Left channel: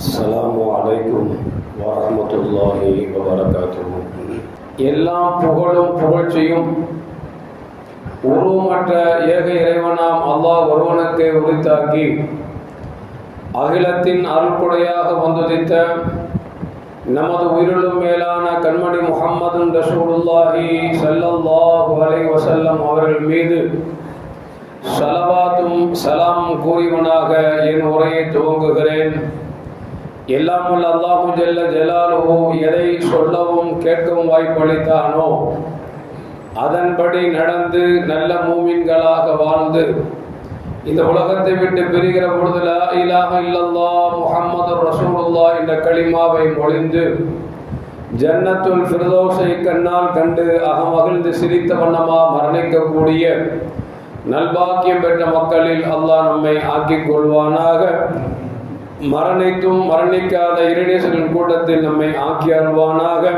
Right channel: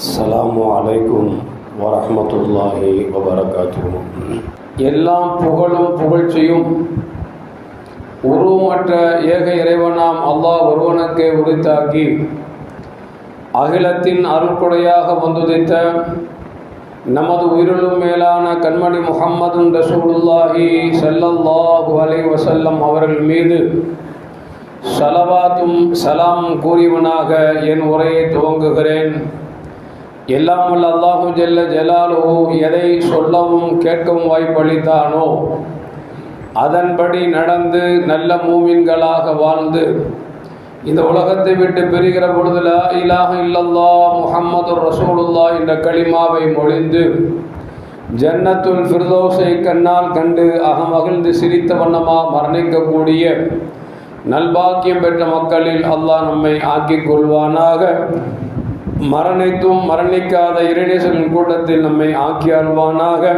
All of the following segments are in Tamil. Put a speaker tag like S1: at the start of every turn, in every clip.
S1: அஸ்லாம் வலைக்கும் வரமத்துல்லாஹி வபரகாத்துவோம் எல்லாம் புகழும் புகழ்ச்சியும் உருவமற்ற ஏக இறைவனாம் அல்லாஹ் ஒருவனுக்கே உரித்தாக்கி அகிலத்தின் அருட்கொடையாக வந்துதித்த நமது உயிரிலும் மேலான கண்மணி முகம்மதும் ரசூலுல்லாஹி சல்லல்லாஹு அலை வசல்லம் அவர்கள் மீது சலவாத்தும் சலாம் கூறிவனாக என் உரையை துவங்குகிறேன். எல்லாம் உள்ள அல்லாஹு ஜெல்ல ஜலாலுஹு எதை சொல்லவும் கேட்கவும் வாய்ப்பளித்தானோ அதன்படி நடந்து நல்ல மூமின்களாக வாழ்ந்து இந்த உலகத்தை விட்டு பிரிகிற பொழுது லா இலாஹ இல்லல்லா முஹம்மது ரசூலுல்லா என்ற களிமாவை மொழிந்து ஜன்னத்துல் ஃபிர்தௌஸை கண்ணால் கண்டு அகமகிழ்ந்து சிரித்த வண்ணமா மரணிக்கக்கூடிய நல்பாக்கியம் பெற்ற மக்களில் அல்லாஹ் நம்மை ஆக்கிக் கொள்வானாக. மரணித்தும் மரணிக்காத இறைநேசரின் கூட்டத்தில் நம்மை ஆக்கி அல்வானாக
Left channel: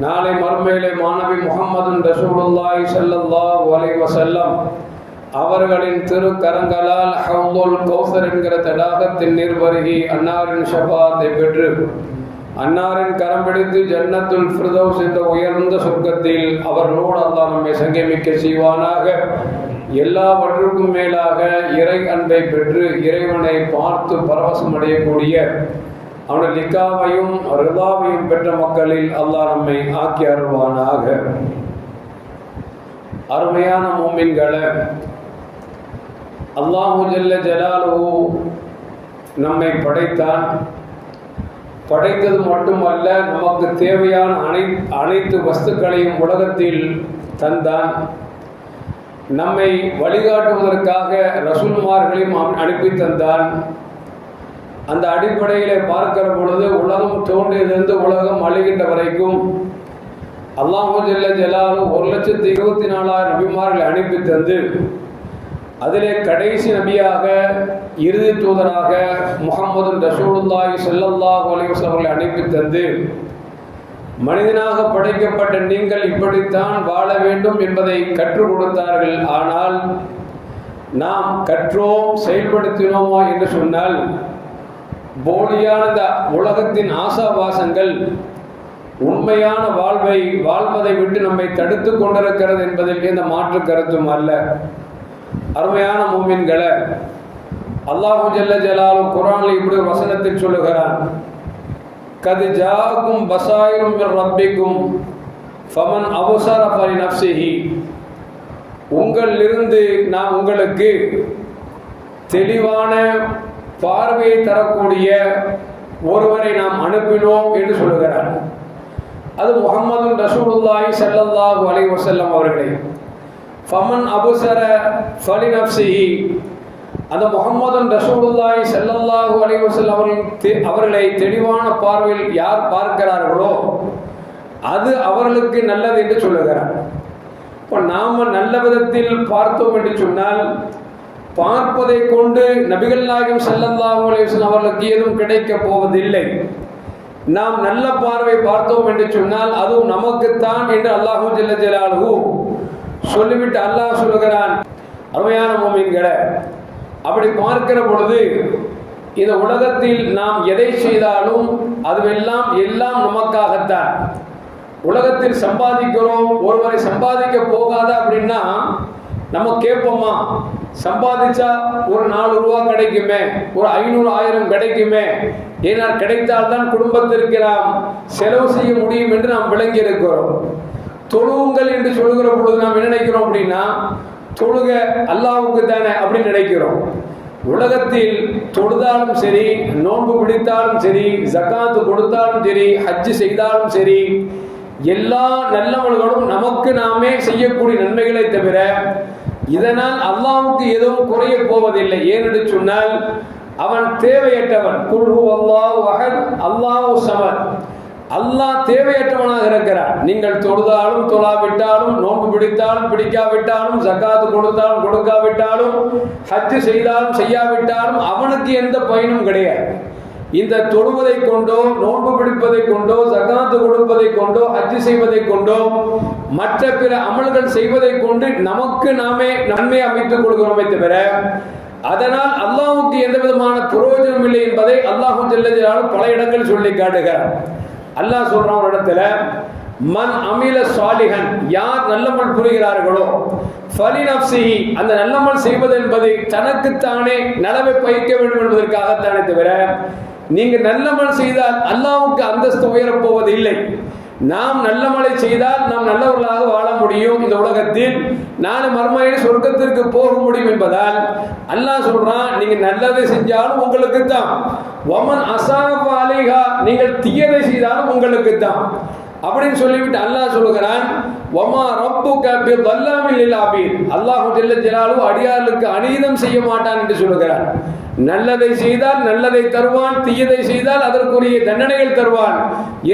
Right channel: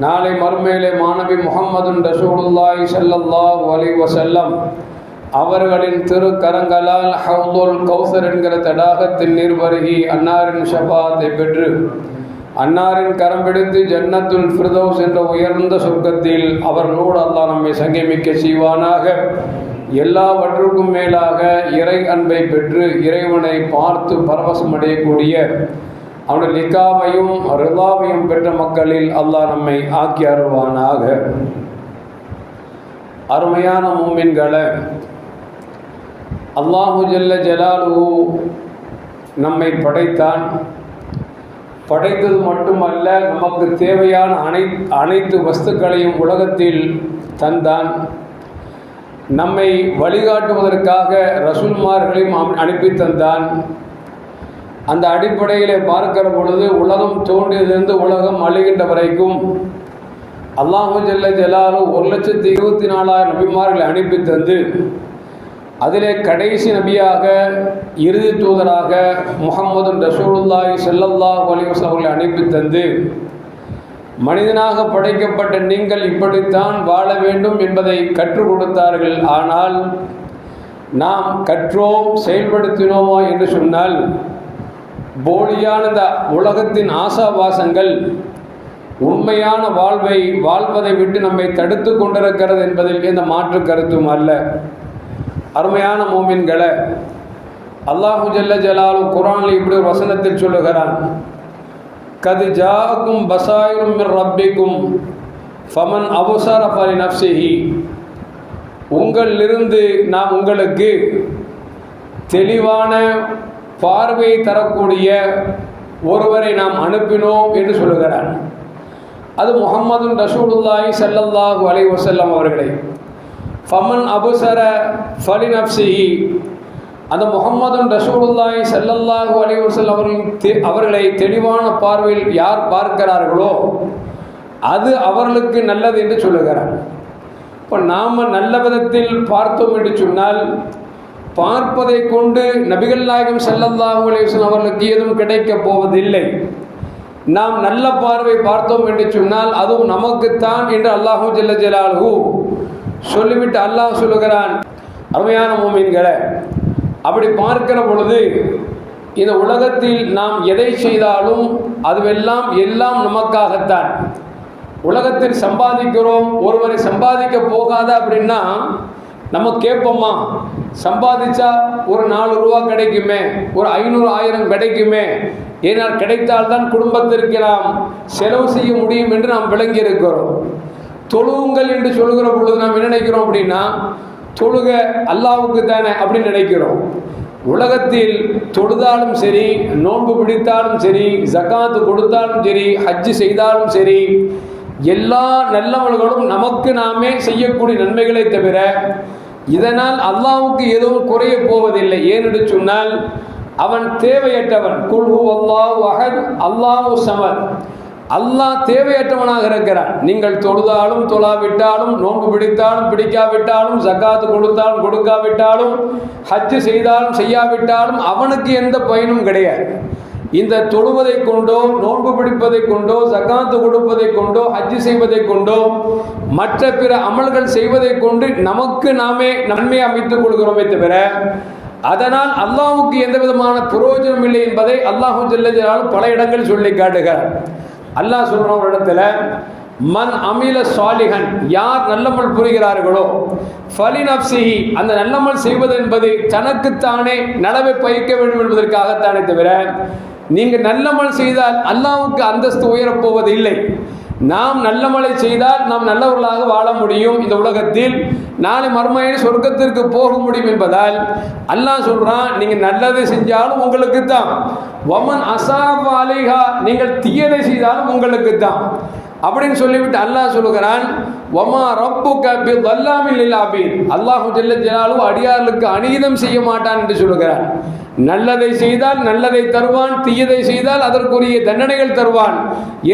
S1: நாளை மறுமையிலே மாணவி முகமது ரசூலுல்லாய் செல்லல்லா அலைஹி வஸல்லம் அவர்களின் திருக்கரங்களால் ஹவுதுல் கௌசர் என்கிற தடாகத்தின் நீர் அன்னாரின் ஷபாத்தை பெற்று அன்னாரின் கரம் பிடித்து ஜன்னத்துல் ஃபிர்தௌஸ் என்ற உயர்ந்த சொர்க்கத்தில் அவர்களோடு அல்லா நம்மை சங்கமிக்க செய்வானாக. எல்லாவற்றுக்கும் மேலாக இறை அன்பை பெற்று இறைவனை பார்த்து பரவசம் அடையக்கூடிய அவனுடைய லிக்காவையும் ரிதாவையும் பெற்ற மக்களில் அல்லாஹ் நம்மை ஆக்கி அருள்வானாக. அருமையான மூமின்களை அல்லாஹு ஜல்ல ஜலாலு நம்மை படைத்தான். படைத்தது மட்டுமல்ல நமக்கு தேவையான அனை அனைத்து வஸ்துக்களையும் உலகத்தில் தந்தான். நம்மை வழிகாட்டுவதற்காக ரசூல்மார்களையும் அனுப்பி தந்தான். அந்த அடிப்படையிலே பார்க்கிற பொழுது உலகம் தோன்றியிலிருந்து உலகம் அழுகின்ற வரைக்கும் அல்லாஹு ஜெல்ல ஜலாலு ஒரு லட்சத்தி இருபத்தி நாலாயிரம் நபிமார்களை அனுப்பி தந்து அதிலே கடைசி நபியாக இறுதி தூதராக முகமது ரசூலுல்லாஹி செல்லல்லாஹ் அலிவஸ் அவர்களை அனுப்பி தந்து மனிதனாக படைக்கப்பட்ட நீங்கள் இப்படித்தான் வாழ வேண்டும் என்பதை கற்றுக் கொடுத்தார்கள். ஆனால் நாம் கற்றோம் செயல்படுத்தினோமோ என்று சொன்னால் போலியான உலகத்தின் ஆசாபாசங்கள் உண்மையான வாழ்வை வாழ்வதை விட்டு நம்மை தடுத்து கொண்டிருக்கிறது என்பதில் எந்த மாற்று கருத்தும் அல்ல. அருமையான மோமின்களை அல்லாஹு ஜல்ல ஜலாலு குரானில் இப்படி ஒரு வசனத்தில் சொல்லுகிறான். கது ஜாக்கும் பசாயிரும் ரப்பிக்கும் ஃபமன் அவசர பரி நப்சிஹி உங்களிலிருந்து நாம் உங்களுக்கு தெளிவான பார்வையை தரக்கூடிய ஒருவரை நாம் அனுப்பினோம் என்று சொல்லுகிறார். அது முகமது ரசூலுல்லாஹி சல்லல்லாஹு அலை வசல்லம் அவர்களே. ஃபமன் அபுசர ஃபலி நப்சிஹி அந்த முகமது ரசூலுல்லாய் செல்லல்லாஹு அலைவசல் அவர்கள் அவர்களை தெளிவான பார்வையில் யார் பார்க்கிறார்களோ அது அவர்களுக்கு நல்லது என்று சொல்லுகிறார். இப்போ நாம் நல்ல விதத்தில் பார்த்தோம் என்று சொன்னால் பார்ப்பதை கொண்டு நபிகள் நாயகம் செல்லல்லாஹு அலைவசல் அவர்களுக்கு ஏதும் கிடைக்கப் போவதில்லை. நாம் நல்ல பார்வை பார்த்தோம் என்று சொன்னால் அதுவும் நமக்குத்தான் என்று அல்லாஹூ ஜெல்ல ஜலாலு சொல்லிவிட்டு அல்லாஹ் சொல்லுகிறான். அருமையான மூமின்களை அப்படி பார்க்கிற பொழுது இந்த உலகத்தில் நாம் எதை செய்தாலும் அதுவெல்லாம் எல்லாம் நமக்காகத்தான். உலகத்தில் சம்பாதிக்கிறோம் ஒருவரை சம்பாதிக்க போகாத அப்படின்னா நம்ம கேட்போமா? சம்பாதிச்சா ஒரு நாலு ரூபா கிடைக்குமே ஒரு ஐநூறு ஆயிரம் கிடைக்குமே? ஏனால் கிடைத்தால்தான் குடும்பத்திற்கு நாம் செலவு செய்ய முடியும் என்று நாம் விளங்கி இருக்கிறோம் தொழுவுங்கள் என்று சொல்கிற பொழுது நாம் என்ன நினைக்கிறோம் அப்படின்னா தொழுக அல்லாவுக்கு தானே அப்படின்னு நினைக்கிறோம். உலகத்தில் தொழுதாலும் சரி நோன்பு பிடித்தாலும் சரி ஜக்காத்து கொடுத்தாலும் சரி ஹஜ்ஜு செய்தாலும் சரி எல்லா நல்லவர்களும் நமக்கு நாமே செய்யக்கூடிய நன்மைகளை தவிர இதனால் அல்லாவுக்கு எதுவும் குறைய போவதில்லை. ஏனென்று சொன்னால் அவன் தேவையற்றவன். குல்ஹு அல்லாஹ் அகத் அல்லாஹு சமன் அல்லாஹ் தேவையற்றவனாக இருக்கிறார். நீங்கள் தொழுதாலும் தொழாவிட்டாலும் நோன்பு பிடித்தாலும் பிடிக்காவிட்டாலும் ஜக்காத்து கொடுத்தாலும் கொடுக்காவிட்டாலும் ஹஜ்ஜு செய்தாலும் செய்யாவிட்டாலும் அவனுக்கு எந்த பயனும் கிடையாது. இந்த தொழுவதை கொண்டோ நோன்பு பிடிப்பதை கொண்டோ ஜக்காத்து கொடுப்பதை கொண்டோ ஹஜ்ஜு செய்வதை கொண்டோ மற்ற பிற அமல்கள் செய்வதை கொண்டு நமக்கு நாமே நன்மை அமைத்துக் கொள்கிறோமே தவிர அதனால் அல்லாஹுக்கு எந்த விதமான பிரயோஜனம் இல்லை என்பதை அல்லாஹு ஜல்லஜலாலும் பல இடங்கள் சொல்லி காட்டுகிறார். அல்லாஹ் சொல்கிறான் ஒரு இடத்துல மன் அமில சாலிகன் யார் நல்லமல் புரிகிறார்களோ ஃபலினப்சிஹி அந்த நல்லமல் செய்வது என்பது தனக்குத்தானே நலவை பயிக்க வேண்டும் என்பதற்காகத்தானே தவிர நீங்கள் நல்லமல் செய்தால் அல்லாவுக்கு அந்தஸ்து உயரப் போவதில்லை நாம் நல்லமலை செய்தால் நாம் நல்லவர்களாக வாழ முடியும் இந்த உலகத்தில். நாளை மர்மையில் சொர்க்கத்திற்கு போக முடியும் என்பதால் அல்லாஹ் சொல்றான் நீங்க நல்லதை செஞ்சாலும் உங்களுக்கு தான் வமன் அசாபாலிகா நீங்கள் தீயதை செய்தாலும் உங்களுக்கு தான் அப்படின்னு சொல்லிவிட்டு அல்லாஹ் சொல்லுகிறான் ஒமா ரப்பு கபி வல்லாமில் இல்லாபின் அல்லாஹு ஜெல்ல ஜலாலும் அடியார்களுக்கு அநீதம் செய்ய மாட்டான் என்று சொல்லுகிறார். நல்லதை செய்தால் நல்லதை தருவான் தீயதை செய்தால் அதற்குரிய தண்டனைகள் தருவான்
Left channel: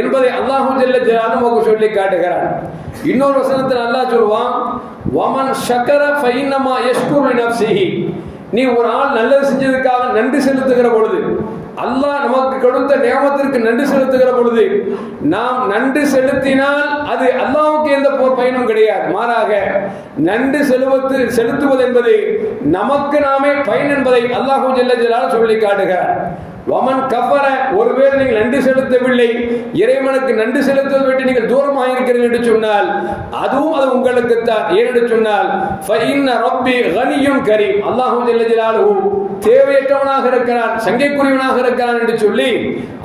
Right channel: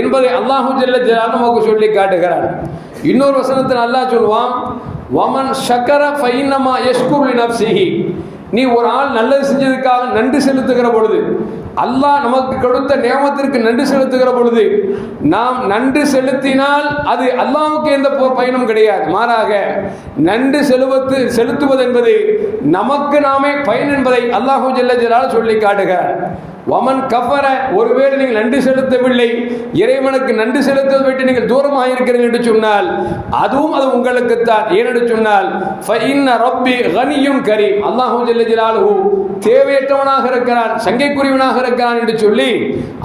S1: என்பதை அல்லாஹு ஜல்ல ஜலாலும் நமக்கு சொல்லி காட்டுகிறான் இன்னொரு வசனத்தில் அல்லாஹ் சொல்லுவான் வமன் சக்கர ஃபைனமா எஸ்குர் நப்சிஹி நீ ஒரு ஆள் நல்லது செஞ்சதுக்காக நன்றி செலுத்துகிற பொழுது அல்லாஹ் நமக்கு கொடுத்த நியமத்திற்கு நன்றி செலுத்துகிற பொழுது நாம் நன்றி செலுத்தினால் அது அல்லாவுக்கு எந்த பயனும் கிடையாது. மாறாக நன்றி செலுவத்து செலுத்துவது என்பது நமக்கு நாமே பயன் என்பதை அல்லாஹூ ஜெல்ல ஜலால் சொல்லி காட்டுகிறார். வமன் கப்பர ஒருவேளை நீங்கள் நன்றி செலுத்தவில்லை. இறைவனுக்கு நன்றி செலுத்துவதை விட்டு நீங்கள் தூரமாக இருக்கிறீர்கள் என்று சொன்னால் அதுவும் அது உங்களுக்குத்தான். ஏனென்று சொன்னால் ஃபஇன்ன ரப்பி கனியும் கரீம். அல்லாஹு ஜல்ல ஜலாலுஹு தேவையற்றவனாக இருக்கிறான் சங்கைக்குரியவனாக இருக்கிறான் என்று சொல்லி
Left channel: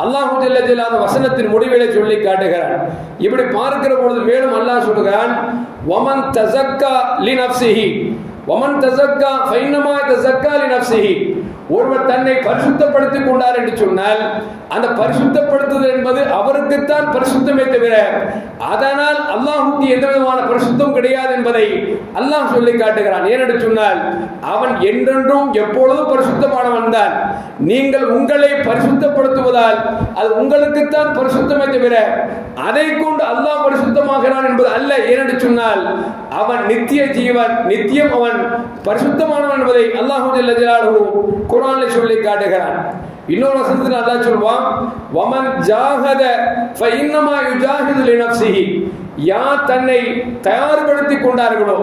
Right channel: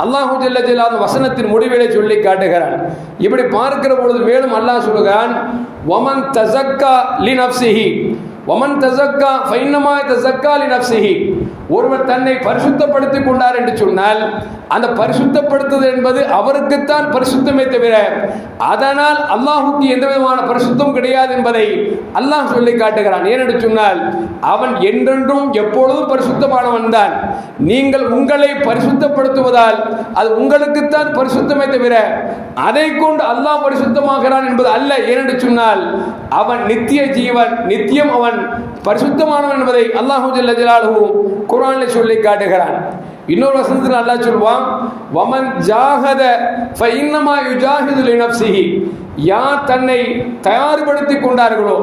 S1: அல்லாஹூ ஜல்ல வசனத்தின் முடிவிலை சொல்லி காட்டுகிறான். இப்படி பார்க்கிற பொழுது மேலும் அல்லாஹ் சொல்லுகிறான் வமன் தசக்கா லி நப்சிஹி. வமன் தசக்கா ஃபைன்னமா தசக்கா லி நப்சிஹி. ஒருவர் தன்னை பரிசுத்தப்படுத்திக் கொண்டார் என்று சொன்னால் அந்த பரிசுத்தப்படுத்துதல் என்பது அவருக்குத்தான் பரிசுத்தமே தவிர அதனால் அல்லாஹுக்கு எந்த விதமான பரிசுத்தம் கிடையாது என்பதை அல்லாஹ் சொல்லி காட்டுகிறான். ஏனென்று சொன்னால் அவன் என்றென்றும் எப்பொழுதும் பரிசுத்தமானவன் தான். நீங்கள் உங்களை பரிசுத்தப்படுத்துவதால் அது உங்களுக்குத்தான் பரிசுத்தமே தவிர அதை கொண்டு அல்லாஹ் பரிசுத்தமாகிறான் என்பது அல்ல. ஏனென்று சொன்னால் அவன் நித்திய ஜீவன் நித்தியம் அவன் பரிசுத்தமானவன் என்பதை அல்லாஹு ஜல்ல குர்ஆனில் சொல்லி காட்டுகிறான். இன்னொரு வசனத்தில் அல்லா சொல்லுவான் வமன் ஜாகத ஃபஇன்னமா யுஜாஹிது லினப்சிஹி யார் தன்னை தயார்படுத்திக் கொண்டார்களோ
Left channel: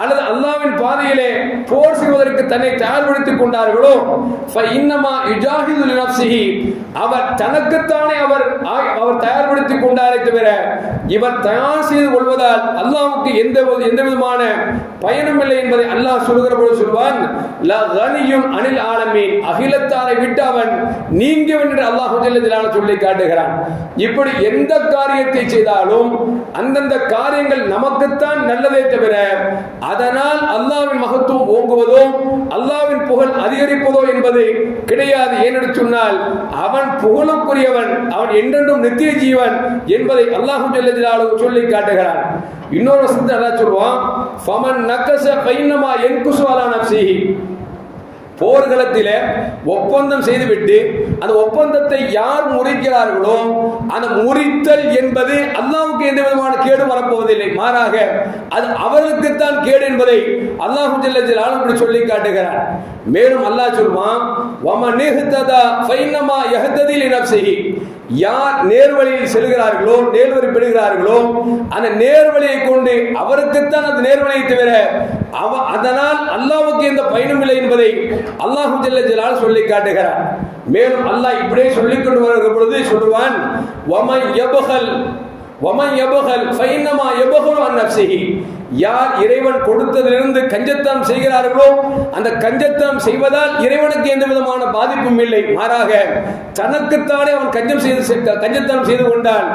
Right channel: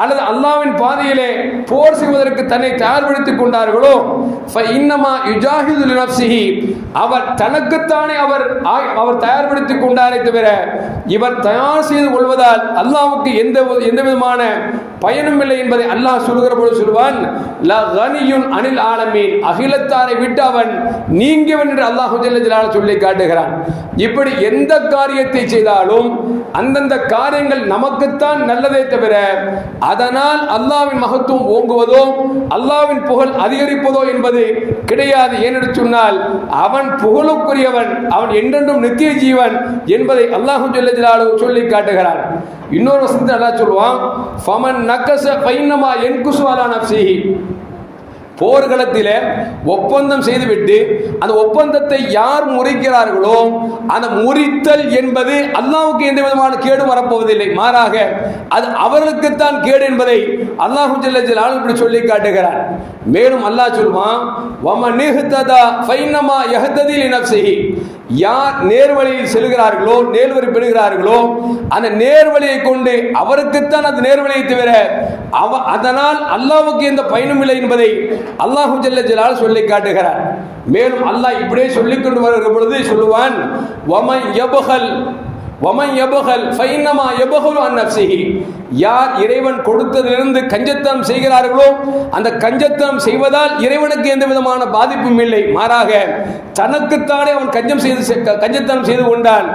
S1: அல்லது அல்லாவின் பாதையிலே போர் செய்வதற்கு தன்னை தயார்படுத்திக் கொண்டார்களோ ஃபஇன்னமா யுஜாஹிது லினப்சிஹி அவர் தனக்குத்தானே அவர் அவர் தயார்படுத்திக் கொண்டாரே தவிர இவர் தயார் செய்து கொள்வதால் அல்லாவுக்கு எந்த எந்த விதமான பயனும் இல்லை என்பதை அல்லாஹ் சொல்லுகிற போது சொல்வான் ல அனில் ஆலமீன். அகிலத்தாரை விட்டு அவன் நீங்கியவன் என்று அல்லாஹ் சொல்லி காட்டுகிறான். இப்படி எந்த காரியத்தை செய்தாலும் அந்தந்த காரியங்கள் நமக்குத்தான் நல்லதே தவிர அதனால் அல்லாவின் மகத்துவம் ஓங்குவதோ அல்லாவின் புகழ் அதிகரிப்பதோ என்பது கிடையாது. ஏனென்று சொன்னால் அவன் புகழுக்குரியவன் அவன் என்றென்றும் நித்திய ஜீவன் என்பதை அல்லாஹு சொல்லி காட்டுகிறான். இன்னொரு வசனத்தை அல்லாஹ் சொல்லுவான். ஃபமன் நக்கச பைனமா என் அலா நஃப்ஸிஹி. போர்களத்தில் ஒப்பந்தம் செய்துவிட்டு அந்த ஒப்பந்தத்தை யார் முறிக்கிறார்களோ அந்த முறித்தல் என்பது அல்லாவுக்கு எந்த விதமான கேடு வரப்போவதில்லை. மாறாக அது அவர்களுக்குத்தான் கேடு என்பதை அல்லாஹு ஜல்ல இப்படி சொல்லி காட்டுகிறார். மேலும் அல்லாஹ் சொல்வான் வம நிஹ்ததா ஃபைன்னமா யஹ்ததி லினஃப்ஸிஹி யார் நேர்வழியில் செல்கிறார்களோ நேர்வழி பெறுகிறார்களோ அந்த நேர்வழியை கொண்டு அவருக்குத்தான் அது நேர்வழியை தவிர அவ அதனால் அல்லாவுக்கு எந்த பயனும் இல்லை என்பதை அல்லாஹு ஜல்ல ஜலால் சொல்லி காட்டுகிறார். மேலும் அல்லாஹ் இப்படியே சொல்லிக் கொண்டு வருகிற பொழுது சொல்லுவான் வமன் எபகல் வமன் யபுகல் ஃபைன்னமா யபுகல் யார் இறைவன் கொடுத்ததிலிருந்து கஞ்சத்தனம் செய்கிறார்களோ அந்த கஞ்சத்தனம் செய்வதால் இறைவனுக்கு எந்த விதமான பாதிப்பும் இல்லை. மாறாக தனக்குத்தானே அவன் கஞ்சம் செய்து கஞ்சத்தனம் செய்து கொண்டான்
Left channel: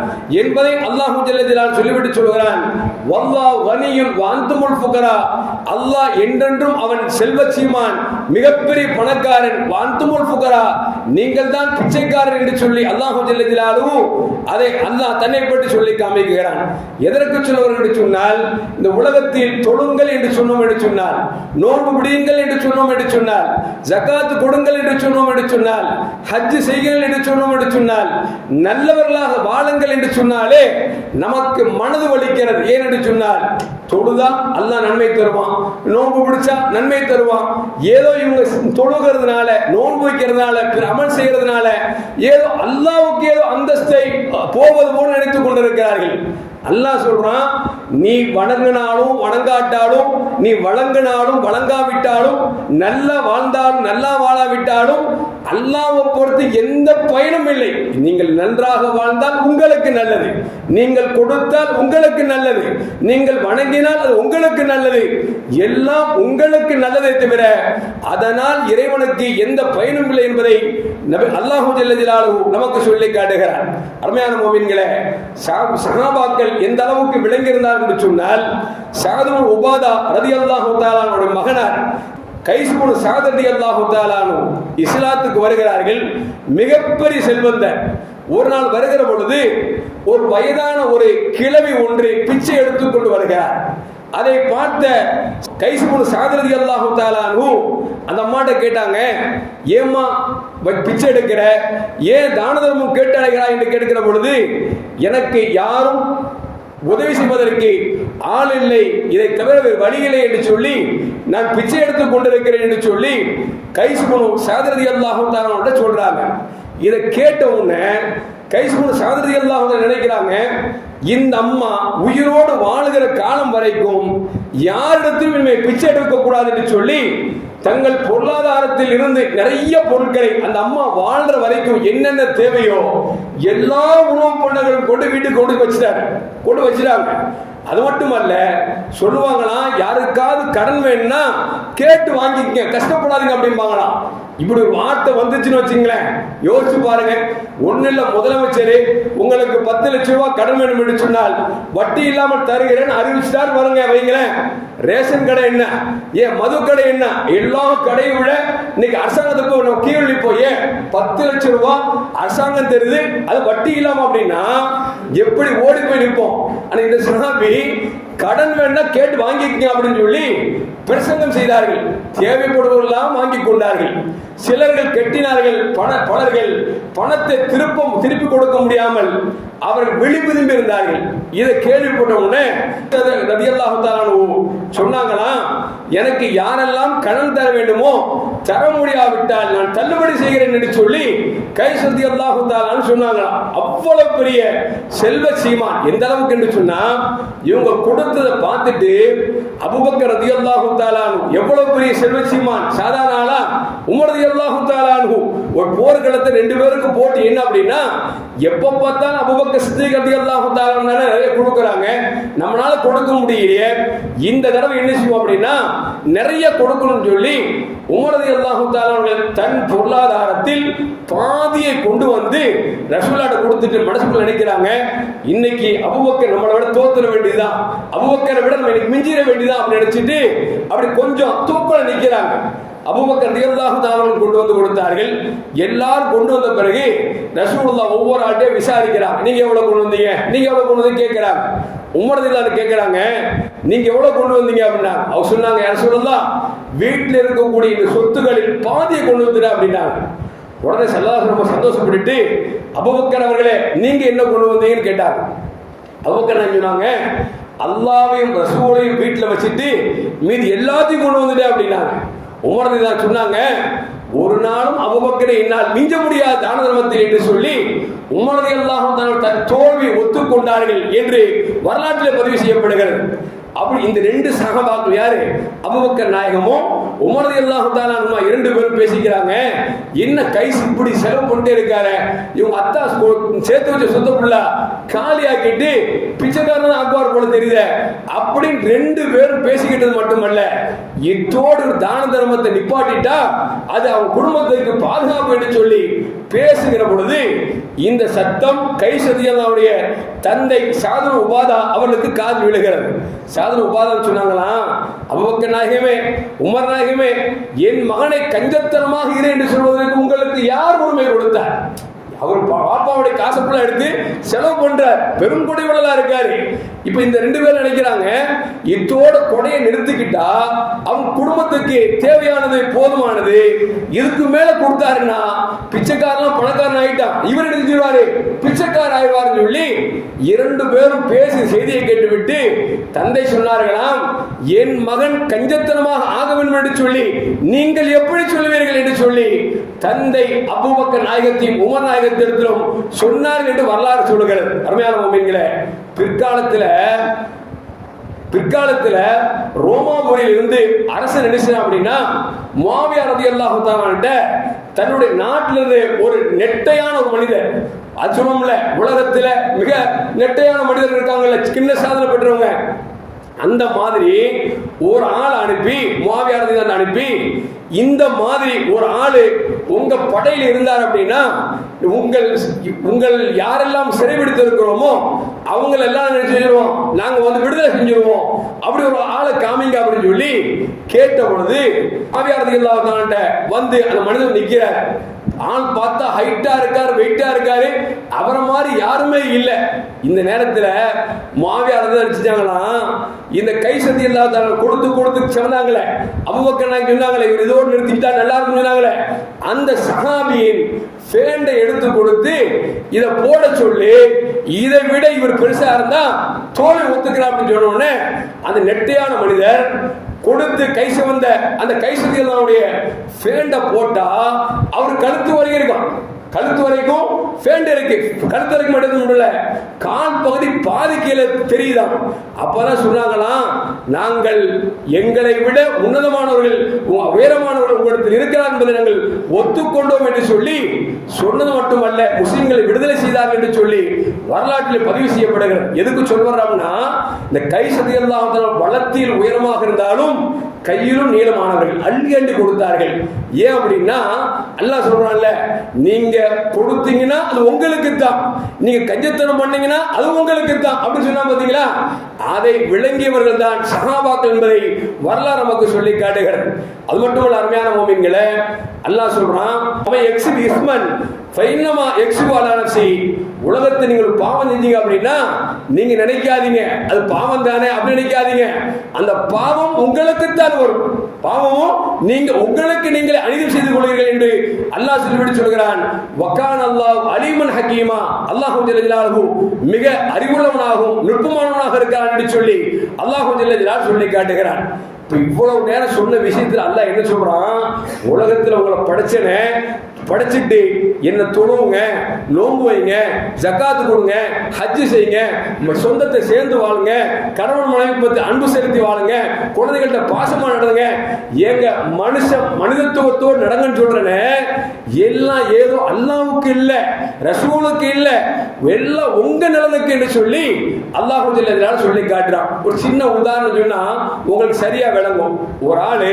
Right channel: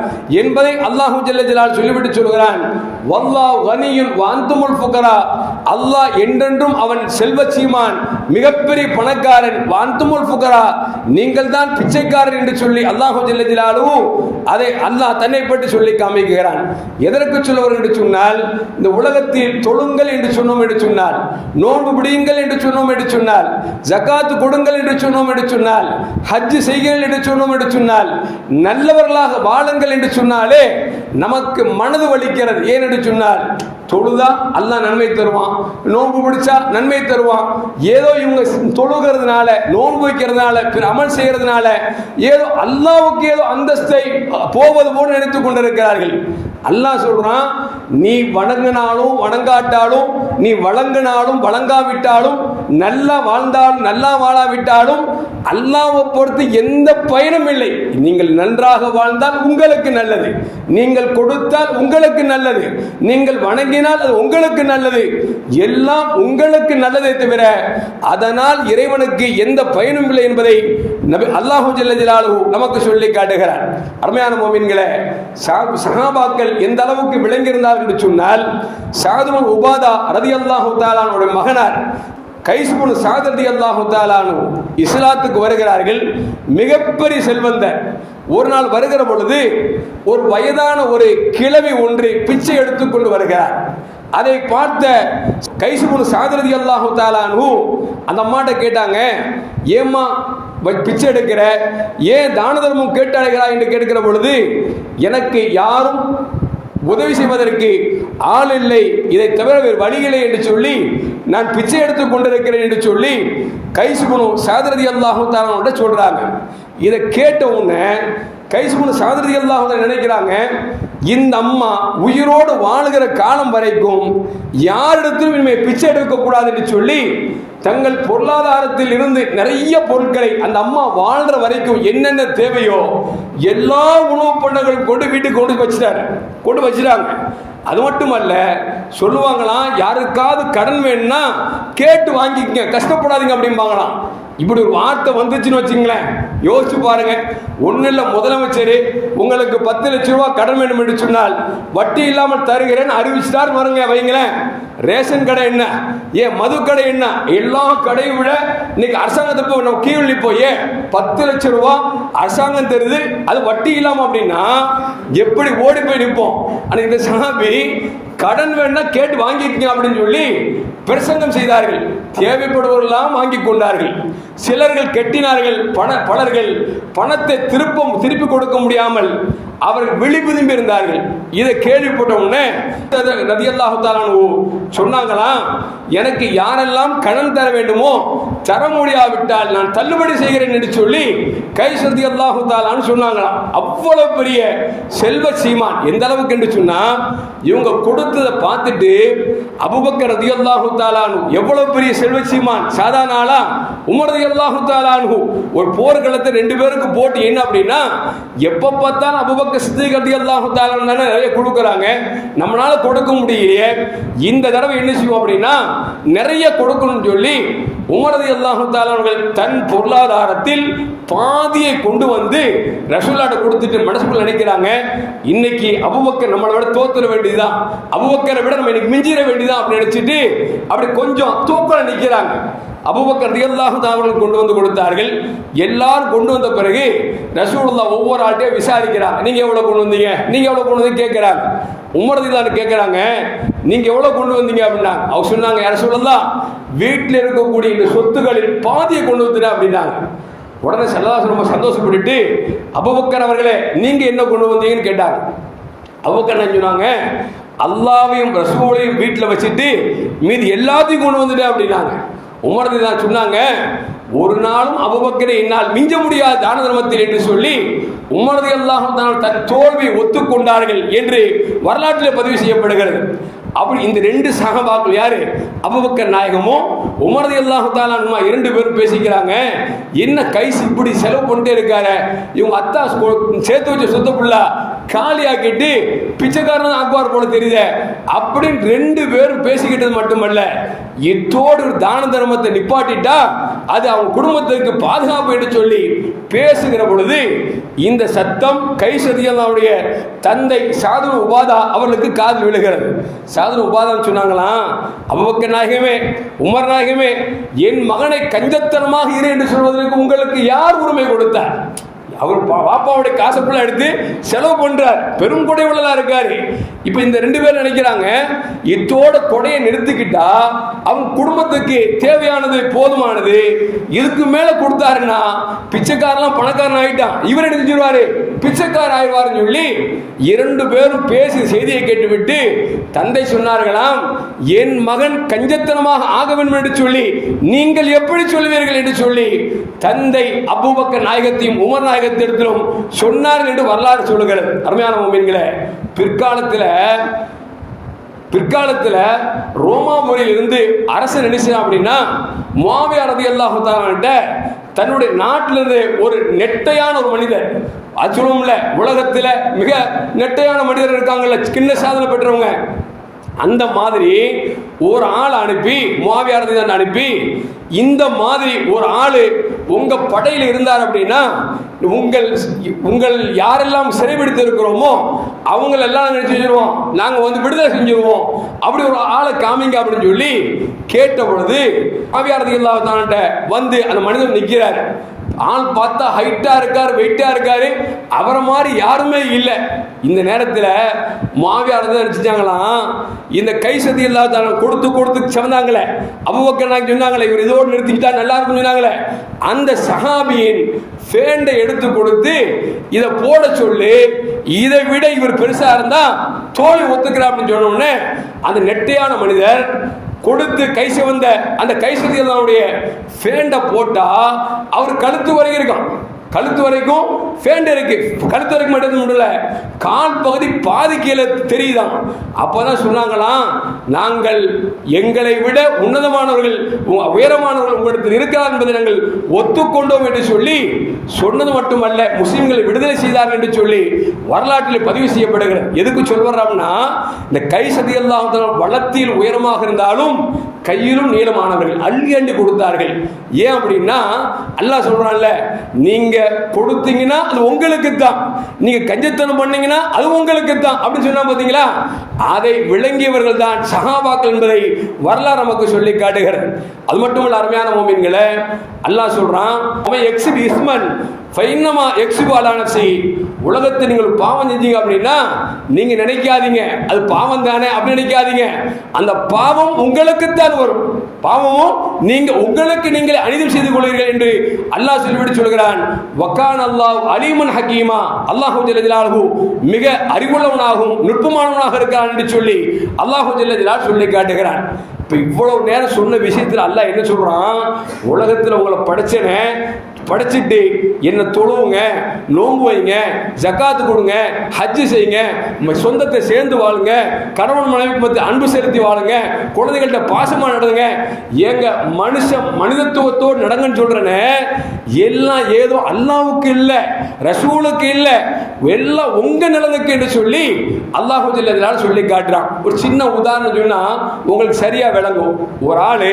S1: என்பதை அல்லாஹு ஜல்லஜலால் சொல்லிவிட்டு சொல்கிறான். வல்லா வனியும் வாந்துமுல் புகரா அல்லாஹ் என்றென்றும் அவன் செல்வ சீமான் மிகப்பெரிய பணக்காரன் வாந்துமுல் புகரா நீங்கள் தான் பிச்சைக்காரன் என்று சொல்லி அல்லாஹு ஜெல்லதிலாலும் அதை அல்லாஹ் தன்னை பற்றி சொல்லி காமிக்கிறான். எதற்கு சொல்லுவார் என்று சொன்னால் இந்த உலகத்தில் தொழுங்கள் என்று சொன்னோம் என்று சொன்னால் நோன்பு பிடியுங்கள் என்று சொன்னோம் என்று சொன்னால் ஜக்காத்து கொடுங்கள் என்று சொன்னோம் என்று சொன்னால் ஹஜ் செய்யுங்கள் என்று சொன்னோம் என்று சொன்னால் நல்லவர்களாக வாழுங்கள் என்று சொன்னாலே நமக்கு மனது வலிக்கிறது. ஏன் என்று சொன்னால் தொழுதா அல்லா நன்மை தருவான். நோன்பு பிடிச்சா நன்மை தருவான். ஏதோ இவங்க தொழுகிறதுனால நோன்பு வைக்கிறதுனால பிற அமல் செய்யறதுனால ஏதோ அல்லாவுக்கு ஏதோ அந்தஸ்தை போவது போல நினைத்துக் கொண்டிருக்கிறார்கள். அல்லாஹ் சொல்றான் நீ வணங்கினாலும் வணங்காட்டாலும் நீ வழங்கினாலும் வழங்காவிட்டாலும் நல்லா வாழ்ந்தாலும் நல்லா வாழாவிட்டாலும் அல்லாவை பொறுத்து எந்த பயனும் இல்லை. நீங்கள் நன்றாக வாழ்ந்தால் உங்களுக்கு நல்லது. நீங்கள் கொடுத்தால் உங்களுக்கு நல்லது. நீங்கள் வணங்கி பண்ணினால் அது உங்களுக்கு நல்லது. எல்லாம் உங்களுக்கு நல்லதை தவிர அதனால் இறைவனுக்கு எந்த பயனும் இல்லை என்பதை நபி அல்லாஹு ஜல்லதிலாலு நமக்கு சொல்லி காட்டுகிறார். அருமையான மோமின்களை சகாபாக்கள் சஹாபாக்கள் எந்த அளவுக்கு விளங்கியிருந்தார் என்று சொன்னால் சாதுமன் உபாதா ரதி அல்லாஹு தாலானுடைய மகனார் கைசுமுனு சாதத்தி அல்லாஹு தாலானு இஸ்லாத்துக்கு வருகிறார்கள். மிகப்பெரிய செல்வந்தர். ஒரு நாள் வருகிற பொழுது ஒரு வயதான ஒரு கிழவி ஒன்று பிச்சை எடுத்துக்கொண்டு வருகிறார். அதை பார்த்த கைசுமுன் சாதரதி அல்லாஹு தாலானு அந்த அம்மாட்ட கேட்டாங்க ஏம்மா வை- பிச்சை எடுக்கிற? ஏன் தான தர்மம் கேட்டு அழைகிறாய் என்று கேட்கிற பொழுது எனக்கு யாரும் உதவி செய்வதற்கு ஆள் இல்லை. இதை தவிர வேறு வழி இல்லை என்று சொல்லி நான் பிச்சை எடுத்துக் கொண்டிருக்கிறேன் என்று சொல்லி கைசுமனு சாதரதி அல்லாஹு தாலான்னு சொல்றாங்க. இதை கேட்ட உடனே கைசுமனு சாதரதி எல்லாம் நினைக்கிறாங்க இந்த அம்மா உயிரோடு வாழுகிற காலம் வரைக்கும் யாரிடத்திலும் இனிமே பிச்சை எடுக்க என்று சொல்லி தங்கள் பொருளாதாரத்தில் இருந்து நிறைய பொருட்களை அந்த அம்மா வாழ்ற வரைக்கும் என்னென்ன தேவையோ எல்லா உணவு பண்டங்களும் கொண்டு வீட்டுக்கு கொண்டு வச்சுட்டாங்க. கொண்டு வச்சுட்டாங்க. அது மட்டுமல்ல சொல்லுவாங்களாம் யாருக்காவது கடன் வேணும்னா கேட்டு வாங்கிக்கங்க கஷ்டப்படாதீங்க அப்படிம்பாங்களாம். இப்படி ஒரு வார்த்தை வந்துச்சுன்னு வச்சுங்களேன். யோசிச்சு பாருங்க. ஒன்றும் இல்லை முதலமைச்சர் உங்களுக்கு பத்து லட்ச ரூபா கடன் வேணும் என்று சொன்னால் வட்டி இல்லாமல் தருகிறேன் அறிவிச்சிட்டார் பாருங்க வைங்களேன். ரேஷன் கடை என்ன? ஏன் மது கடை என்ன? எல்லா கடையும் விட இன்னைக்கு அரசாங்கத்துக்கு போய் நம்ம போய் பத்து லட்சம் ரூபா அரசாங்கம் தெரியுது அது வட்டி இல்லாம அப்படின்னா எப்படி ஓடி போய் நிற்போம்? ஆனால் இந்த சாமி கடன் வேணா கேட்டு வாங்கிக்கங்க அப்படின்னு சொல்லி பிரசங்கம் செய்தார்கள். தேவைப்படுவவர்களெல்லாம் வாங்கி கொண்டார்கள். சிலர்கள் கெட்டினார்கள். பண பலர்கள் பணத்தை திருப்ப திருப்பி கொடுக்க முடியாமல் அவர்கள் விழிபுதும்பி இருந்தார்கள். இதை கேள்விப்பட்ட உடனே நதியல்லாஹு தாலானு சொன்னாங்களாம் எனக்கு யாரெல்லாம் கடன் தர வேண்டுமோ தர முடியாவிட்டால் நான் தள்ளுபடி செய்கிறேன் என்று சொல்லி கை சதி அல்லாஹு தாலான்னு சொன்னாங்களாம் அவ்வளவு பெரிய செல்வ சீமான் எந்த அளவுக்கு என்று சொன்னா இவங்க கொடுத்ததை பார்த்துட்டு அபுபக்கர் ரதி அல்லாஹு தாலானு எவ்வளவு பெரிய செல்வ சீமான்? சாதாரண ஆளா? உமர் ரதி அல்லாஹு தாலானு ஒரு போர்க்களத்தை ரெண்டு பேருக்கு போட்டு என்ன அப்படின்னா எப்ப பார்த்தாலும் அபுபக்கர் சித்திக் கட்டி அல்லாஹு தாலானு நிறைய கொடுக்குறாங்க. நம்மளால கொடுக்க முடியலையே. இந்த தடவை என்ன செய்வோம் அப்படின்னா நிறைய கொடுக்கணும்னு சொல்லி உமரது அல்லாஹு தாலானவர்கள் தன் பொருளாதாரத்தில் பாதியை கொண்டு வந்து ரசூலாட்ட கொடுத்துட்டு மனசுக்குள்ள நினைக்கிறாங்க. இன்னைக்கு அபுபக்கர் நம்மளை விட தோத்துற வேண்டியதுதான். அபுபக்கரை விட நம்ம இன்னைக்கு மிஞ்சிட வேண்டியதான் அப்படின்னு நினைச்சிட்டு அப்படி கொஞ்சம் தூக்கல நிற்கிறாங்க அபுபக்கர் ரியல்லாஹுதா அவர்கள் கொண்டு வந்து கொடுத்தார்கள். எல்லாரும் கொண்டு வந்த பிறகு ரசூலுல்லாஹ் ஒவ்வொரு ஆட்டையும் விசாரிக்கிறாங்க. நீங்க எவ்வளவு கொண்டு வந்தீங்க? நீங்க எவ்வளவு கொண்டு வந்து கேட்கிறாங்க உமரதில்லான்னு கேட்கிறாங்க நீங்க எவ்வளவு கொண்டு வந்தீங்க? அப்படின்னா அவங்க சொன்னாங்க யார சொல்லலாம் வீட்டில் இருக்கக்கூடிய இந்த சொத்துக்களில் பாதியை கொண்டு வந்துட்டேன் அப்படின்னாங்க. உடனே சல்லாசன் ரொம்ப சந்தோஷப்பட்டுட்டு அபுபக்கர் அவர்களே நீங்க என்ன கொண்டு வந்தீங்கன்னு கேட்டாங்க. அபுபக்கர் சொன்னாங்க? அல்லாவையும் ரசூலையும் வீட்டில் வச்சுட்டு மீதி எல்லாத்தையும் கொண்டு வந்துட்டேன் அப்படின்னாங்க. உமரது தான் சொன்னாங்க ஒரு நாளும் அபுபக்கரை என்னால் மிஞ்ச முடியாத தான தர்மத்தில் என்று சொல்லி உமரது அல்லாஹும் தன் தோல்வியை ஒத்துக்கொண்டார்கள் என்று வரலாற்றில் பதிவு செய்யப்படுகிறது. அப்படி இந்த ரெண்டு சகபாக்கள் யாரு? அபுபக்கர் நாயகமும் உமரது அல்லாஹு தாலானுமா இரண்டு பேரும் பேசிக்கிறாங்க என்ன கைஸ் இப்படி செலவு பண்ணிட்டே இருக்காரு? இவங்க அத்தா சேர்த்து வச்ச சொத்த புள்ள காலியாக்கிட்டு பிச்சைக்காரன் தான் அக்பார் போல தெரியுது அப்படின்னு ரெண்டு பேரும் பேசிக்கிட்டது மட்டுமல்ல எத்தோடு ஒரு தான தர்மத்தை நிப்பாட்டிட்டா அது அவங்க குடும்பத்துக்கு பாதுகாப்பு என்று சொல்லி பேசுகிற பொழுது இந்த சத்தம் கை கைசதியல்லாவுடைய தந்தை சாதன உபாதா அவர்களுக்கு காது விழுகிறது. சாதன உபாதான் சொன்னாங்களாம் அவக்க நாயகமே உமர் நாயகமே என் மகனை கஞ்சத்தனமாக இரு என்று சொல்வதற்கு உங்களுக்கு யார் உரிமை கொடுத்தார்? அவர் பா- பாப்பாவுடைய காசு ஃபுல்லாக எடுத்து செலவு பண்ணுறார் பெரும் கொடை உள்ளதாக இருக்காரு. இப்போ இந்த ரெண்டு பேரும் நினைக்கிறாங்க இத்தோட கொடையை நிறுத்திக்கிட்டா அவங்க குடும்பத்துக்கு தேவையானது போதுமானது இதுக்கு மேல கொடுத்தாருன்னா பிச்சைக்காரெல்லாம் பணக்காரன் ஆயிட்டான். இவர் என்ன செஞ்சிருவாரு? பிச்சைக்காரன் ஆயிடுவாருன்னு சொல்லி இரண்டு பேரும் பேசி செய்தியை கேட்டுவிட்டு தந்தை சொன்னார்களாம் என் மகன் கஞ்சத்தனமாக ஆக வேண்டும் என்று சொல்லி நீங்கள் எப்படி சொல்லுவீர்கள் என்று சொல்லி தந்தை அபுபக்க நாயகத்தையும் உமர் நாயகத்திடத்திலும் சொன்னார்கள் என்று வரலாறு சொல்லுகிறது. அருமையான மொமீன்களே பிற்காலத்தில் பிற்காலத்தில் ரோமாபுரியில் இருந்து அரசு நினைச்சா அப்படின்னா முவாவியா ரதி அல்லாஹு தன்னுடைய நாட்டில இருந்து ஒரு நெட்டையான ஒரு மனிதர் அது உலகத்தில் மிக நெட்டையான மனிதர் இருக்காங்கல்ல கிண்ண சாதனை பெற்றவங்க. அந்த மாதிரி ஒரு ஆள் அனுப்பி மாவியாரதி அனுப்பி இந்த மாதிரி ஒரு ஆளு உங்க படையில் இருந்தார் அப்படின்னா உங்கள் உங்கள் யாரெல்லாம் சிறைபிடித்து இருக்கிறோமோ அவங்கள எல்லாம் நாங்கள் செஞ்சிருவோம்? நாங்க வந்து விடுதலை செஞ்சிருவோம். அப்படி ஒரு ஆளை காமிங்க அப்படின்னு சொல்லி கேட்ட பொழுது முவாவியாரதி இல்லாத வந்து அந்த மனிதன் நிற்கிறார் ஆள் பார்த்தா ஹைட்டா இருக்காரு வெயிட்டா இருக்காரு. அவரை மாதிரி யாருமே இல்லை. இந்த நேரத்தில் மாவியார் தான் நினைச்சாங்களாம் இந்த கை சதி இல்லாத கொடுத்து கொடுத்து சொன்னாங்களே அபுபக்கர் நாங்க சொன்னாங்களே இவர் இதோட நிறுத்திக்கிட்டா நல்லா இருக்கும் சொன்னாங்களே. அந்த சஹாபியின் ஃபேண்டை எடுத்து கொடுத்து இதை போட சொல்லி இதை விட இவர் பெருசா இருந்தா தோழி ஒத்துக்கிறா அப்படின்னு சொன்ன உடனே அந்த நெட்டையான மனிதர் கொடுத்து கை சிவந்த அந்த கை சதிகளுடைய ஃபேண்டை போட்டா அவர் கழுத்து வரைக்கும் இருக்கும். கழுத்து வரைக்கும் ஃபேண்ட் இருக்கு. கழுத்து வரைக்கும் மட்டும் முடியல கால் பகுதி பாதி கீழே தெரியுதான் அப்பதான் சொன்னாங்களாம் நாங்கள் எங்களை விட உன்னதமானவர்கள் உயரமானவர்கள் உங்களிடத்தில் இருக்கிறார் என்பதை நாங்கள் ஒத்துக்கொண்டோம் என்று சொல்லி சொன்னது மட்டுமல்ல முஸ்லிம்களை விடுதலை செய்தார்கள் என்று சொல்லி வரலாற்றில் பதிவு செய்யப்படுகிறது. எதுக்கு சொல்வர்றாங்கன்னா இந்த கை சதியெல்லாம் வளத்தில் உயரமாக இருந்தாலும் கையிலும் நீளமானவர்கள் அள்ளி அள்ளி கொடுத்தார்கள். ஏன் அப்படின்னா அல்லாஹ் சொல்றான்ல நீங்க கொடுத்தீங்கன்னா அது உங்களுக்கு தான் நீங்க கஞ்சத்தனம் பண்ணீங்கன்னா அது உங்களுக்கு தான் அப்படின்னு சொன்னா பாத்தீங்களா? அதை விளங்கியவர்கள் தான் சகாபாக்கள் என்பதை வரலாறு நமக்கு சொல்லி காட்டுகிறது. அது மட்டும் இல்ல அருமையான மோமின்களை அல்லாஹ் சொல்றான் அவன் எக்ஸிப் இஸ்மன் ஃபைனமா எக்ஸிபாலானசி உலகத்தை நீங்கள் பாவம் செஞ்சீங்க அப்படின்னா நீங்க நினைக்காதீங்க. அது பாவம் தானே அப்படின்னு நினைக்காதீங்க. அந்த பாவம் உங்களுக்கு தான் வரும். பாவமும் நீங்க உங்களுக்கு நீங்கள் அனிதம் செய்து கொள்கிறீர்கள் என்று அல்லாஹ் சொல்லிவிட்டு சொல்கிறான். வக்கான் அல்லாஹ் அலிமன் ஹக்கீமா அல்லாஹு ஜல்லஜலாலு மிக அறிவுள்ளவனாகவும் நுட்பமானவனாக இருக்கிறான் என்று சொல்லி அல்லாஹு ஜல்லஜலால் சொல்லி காட்டுகிறான். இப்போ இவ்வளவு நேரம் சொன்ன விஷயத்தில் அல்லாஹ் என்ன சொல்றான்? உலகத்தில் உங்களை படைச்சனே படைச்சிட்டு என்ன தொழுவுங்க நோம்பு வைங்க ஜக்காத்து கொடுங்க ஹஜ்ஜு செய்யுங்க சொந்தத்தை சேர்ந்து வாழுங்க கணவன் மனைவி பற்றி அன்பு செலுத்தி வாழுங்க குழந்தைகள்கிட்ட பாசமாக நடந்துங்க. ஏங்க மனுஷ மனிதத்துவத்தோடு நடங்கன்னு சொல்றேனே எல்லாம் ஏதோ அல்லாவுக்கு இல்லை ரசூலுக்கு இல்லை எல்லாம் உங்க நிலனுக்கு என்று சொல்லி அல்லாஹு சொல்லி காட்டுறான். ஒரு சின்ன உதாரணம் சொன்னா உங்களுக்கு சரியா விளங்கும். ஒரு ஆளு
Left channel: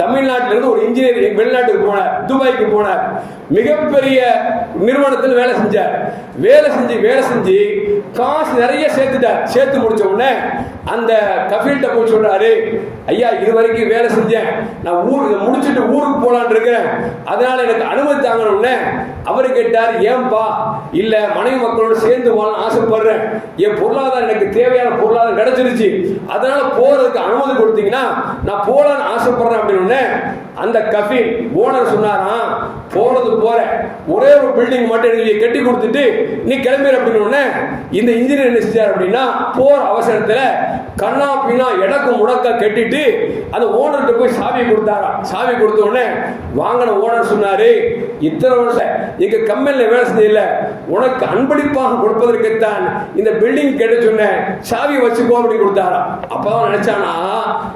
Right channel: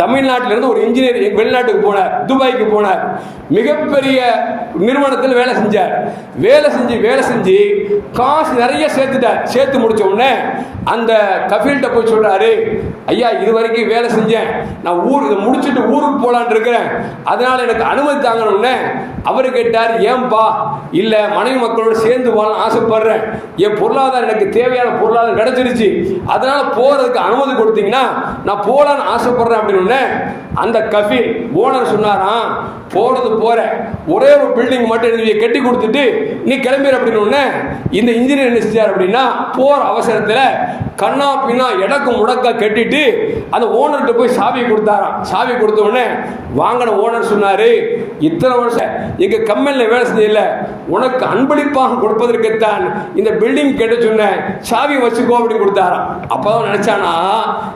S1: தமிழ்நாட்டிலிருந்து ஒரு இன்ஜினியர் வெளிநாட்டுக்கு போனார் துபாய்க்கு போனார். மிகப்பெரிய நிறுவனத்தில் வேலை செஞ்சார். வேலை செஞ்சு வேலை செஞ்சு காசு நிறைய சேர்த்துட்டார். சேர்த்து முடிச்ச உடனே அந்த கஃபீல்கிட்ட போய் சொல்கிறாரு ஐயா இது வரைக்கும் வேலை செஞ்சேன். நான் ஊர் இதை முடிச்சுட்டு ஊருக்கு போகலான்னு இருக்கிறேன் அதனால் எனக்கு அனுமதி தாங்கணும்னு. அவர் கேட்டார் ஏன்பா? இல்லை மனைவி மக்களோடு சேர்ந்து வாழ ஆசைப்படுறேன். என் பொருளாதாரம் எனக்கு தேவையான பொருளாதாரம் கிடச்சிருச்சு. அதனால் போகிறதுக்கு அனுமதி கொடுத்தீங்கன்னா நான் போகலான்னு ஆசைப்படுறேன் அப்படின்னு. அந்த கஃபீல் ஓனர் சொன்னாராம் போகிறது போகிறேன் ஒரே ஒரு பில்டிங் மட்டும் எனக்கு கட்டி கொடுத்துட்டு நீ கிளம்பிடு அப்படின்னு இந்த இன்ஜினியர் என்ன செஞ்சார் அப்படின்னா போகிற அவசரத்தில் கண்ணா பின்னா எடக்கு முடக்க கட்டிட்டு அந்த ஓனர்கிட்ட போய் சாவி கொடுத்தாராம். சாவி கொடுத்த உடனே வாங்கின ஓனர் சொன்னாரு இத்தனை வருஷம் எங்க கம்பெனியில் வேலை செய்யல உனக்கு அன்பளிப்பாக கொடுப்பதற்குத்தான் இந்த பில்டிங் கேட்டு சொன்ன சாவி வச்சுக்கோ அப்படின்னு கொடுத்தாராம். அப்பதான் நினைச்சானா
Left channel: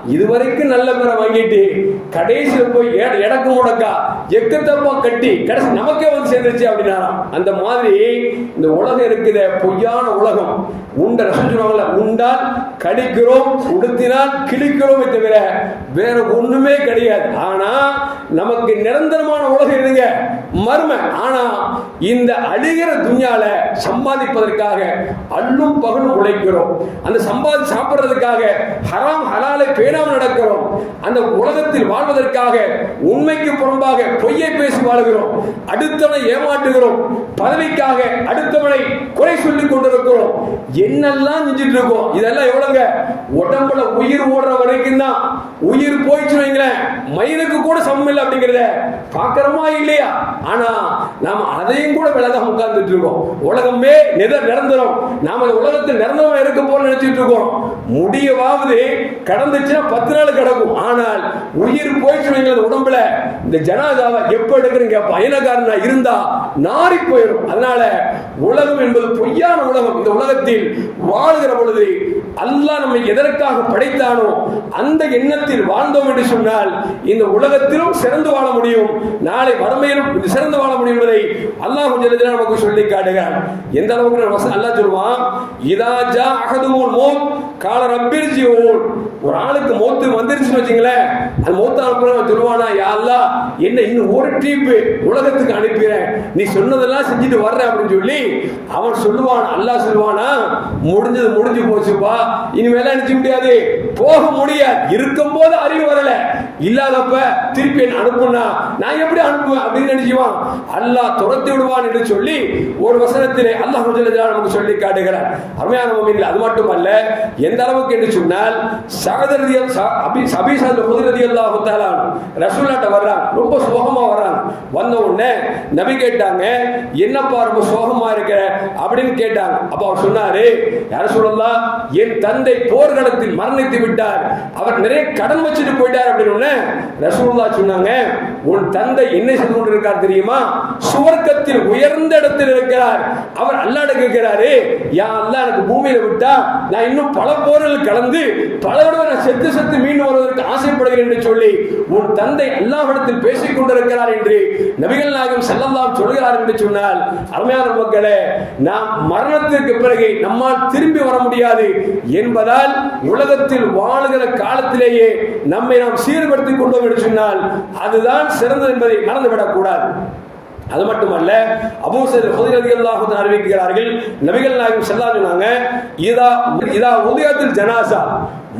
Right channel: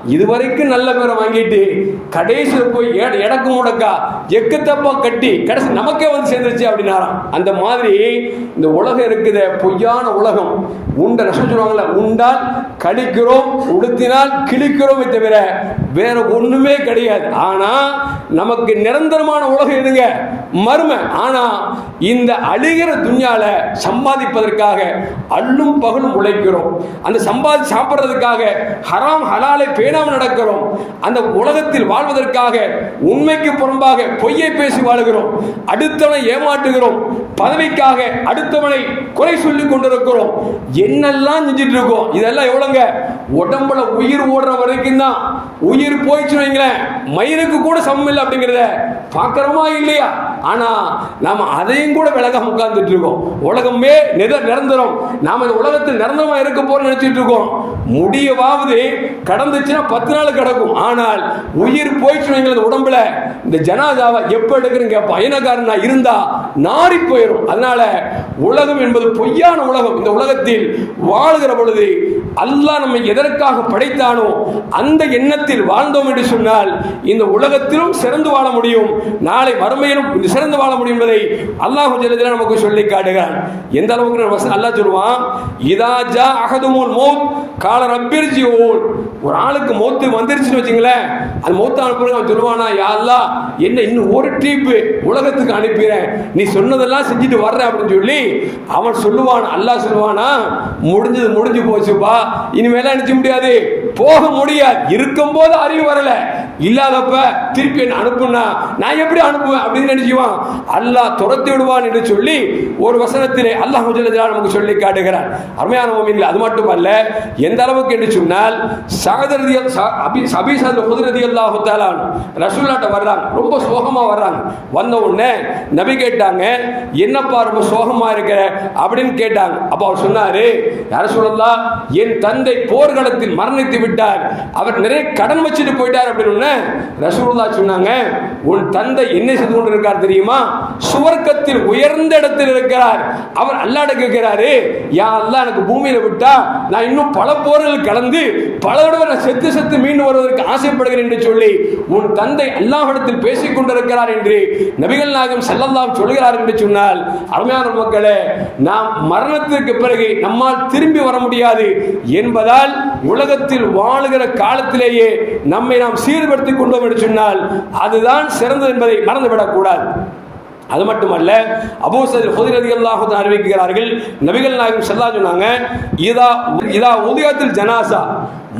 S1: இதுவரைக்கும் நல்ல பேரை வாங்கிட்டு கடைசியில் போய் எட- முடக்கா எக்கு தப்பா கட்டி கடைசி நமக்கே வந்து சேர்ந்துருச்சு அப்படின்னாராம். அந்த மாதிரி இந்த உலகம் இருக்குது பொய்யான உலகம். உண்ட ரசம் சொல்லுவாங்கல்ல உண்டால் கழிக்கிறோம் உடுத்தினால் கிழிக்கிறோமே தவிர வேற ஒண்ணுமே கிடையாது. ஆனா நமக்கு நிரந்தரமான உலகம் எதுங்க? மர்ம ஆனா இந்த அழிகிற துன்யால சம்பாதிப்பதற்காக அல்லும் பகலும் உழைக்கிறோம். அந்த சம்பாதி சாப்பிடுறதுக்காக ஹராம் ஹலாலை பேணாமல் நடக்கிறோம். அந்த உலகத்தில் வாழ்வதற்காக உண்மைக்கு புறம்பாக பொய்யை பேசி வாழுகிறோம். அடுத்தவனை ஏமாற்றுகிறோம். பதவிக்காக அடுத்தவனை குறை சொல்லிக் கொண்டிருக்கிறோம். என்னெல்லாம் செஞ்சுட்டு இருக்கோம்? இதெல்லாம் எவ்வளவுங்க? உடம்புல உயிர் ஓடுற வரைக்கும் தான் உயிர் போயிடுச்சு வைங்களேன். மயிருக்கு கூட சமம் இல்லை அப்படிங்கிறத பார்க்குறோமா இல்லையா? ஆனால் நாம் அதையும் கூட விலகாம உட்கார்ந்துட்டு இருக்கோம். உலகமே நித நிரந்தரம். நாம் இந்த உலகத்தில் நிரந்தரமாக இருக்க போறோம்னு நினச்சிட்டு இருக்கோம். முடியவாவது கடந்துச்சுன்னா பத்து நாள் கிடக்கும். ஆனால் உயிர் போயிடுச்சு வைங்களேன் இந்த உடம்புல. இந்த ஜனாதாவை எப்ப எடுக்கிறீங்க பயணக்காரனா இருந்தா நாரி போயிடும். அதனால உலகம் என்பது பொய்யான உலகம். இந்த உலகத்தில் வாழுகிற பொழுது அல்லாஹ் நம்மை எதற்காக படைத்தானோ அந்த எண்ணத்தில் வாழ்ந்தோம் என்று சொன்னால் இந்த உலகத்திலும் சிறந்து வாழ முடியும். நாளை வறுமையிலும் சிறந்து வாழ முடியும் என்பதை அல்லாஹ் ஜல்லஜலாலுஹு நமக்கு சொல்லி காட்டுகிறான். எந்த அளவுக்கு அல்லாஹ் சொல்லுவான் இதா ஜா அகதுமோல் மௌத். கால ரப்பிர்ஜிஊன் ஒரு ஆளுக்கு மோத்து வந்துருச்சுன்னு வச்சுங்களேன் அந்த மௌத்து அனுப்புற அவன் சொல்லுவானா யா என்ன இன்னும் ஒரு ட்ரிப் உலகத்துக்கு அனுப்பிறேன். நீ சொன்னதெல்லாம் செஞ்சுட்டு வர்ற அப்படின்னு சொல்லி அவன் சொல்லுவான் அல்லாஹ் சொல்லுவானா முடிஞ்சது முடிஞ்சு போச்சுப்பா. இனிமேலாம் நினைச்ச முடியாது. போக முடியாது. இருக்கும்போது அறிவு வரல. இல்லாதப்ப திருப்பி என்ன அனுப்புனா நான் எப்படி அனுப்புவேன் அப்படின்னு நினைச்சுவான் அல்லாஹ் துரத்தி விடுவான் என்று சொல்லி ஒரு வசனத்திலே அல்லாஹ் நமக்கு சொல்லி காட்டுகிறார் அருமையான மோமின்கள் அது மட்டுமல்ல எந்த அளவுக்கு என்று சொன்னால் சகதரதி அபி அபிசாந்த குதிரதி அல்லாஹு ரசூல்லாட்ட வர்றாங்க ரொம்ப சோகமா வர்றாங்க. வந்த உடனே நபி கேட்டாங்க என்னப்பா ரொம்ப சோகமா இருக்க? அப்படின்னு கேட்டாங்க. அப்போ அவர் சொன்னாரு யார சொல்லலாம் என் தந்தை போர்க்களத்தில் மரணித்து விட்டார். அவர் நிறைய கடன் வச்சுட்டு போயிட்டார் அப்படின்னு உடனே ரசூலுல்லா சொன்னாங்க உன் தந்தை என்ன செய்து கொண்டிருக்கார் தெரியுமா? சுவர்க்கத்தில் உயர்ந்த இடத்தில் இருக்கிறார். அவர் அல்லாட கேட்கிறாரு யா அல்லா எனக்கு பூமியில விட்டா நான் இன்னும் பல போர்கள் கலந்து பல தடவை நான் செத்து செத்து மீண்டு வருவதற்கு ஆசைப்படுகிறேன் என்று சொல்லி உன் தந்தை அல்லாஹ்விடத்தில் பேசிக் கொண்டிருக்கிறார் என்று நபிகள் நாயகம் செல்லல்லாம் சொல்கிறார் என்று சொன்னால் அருமையான மக்களே நாம் மரணத்திற்கு பிறகு நம்மால் திரும்பி வர முடியாது என்பதால் உலகத்தில் வாழுகிற காலத்திலேயே நம்மை நாம் சீர்படுத்திக் கொண்டோம் என்று சொன்னால் அதுதான் சிறந்தது என்பதை மறந்துவிடக்கூடாது அது மட்டுமல்ல அபூசர் ஹுதிரதி அல்லாஹு அறிவிக்கிறார்கள் நபிகள் நாயகம் செல்லா சொன்னாங்க இதா இதா உதயத்தில் ஜனாசா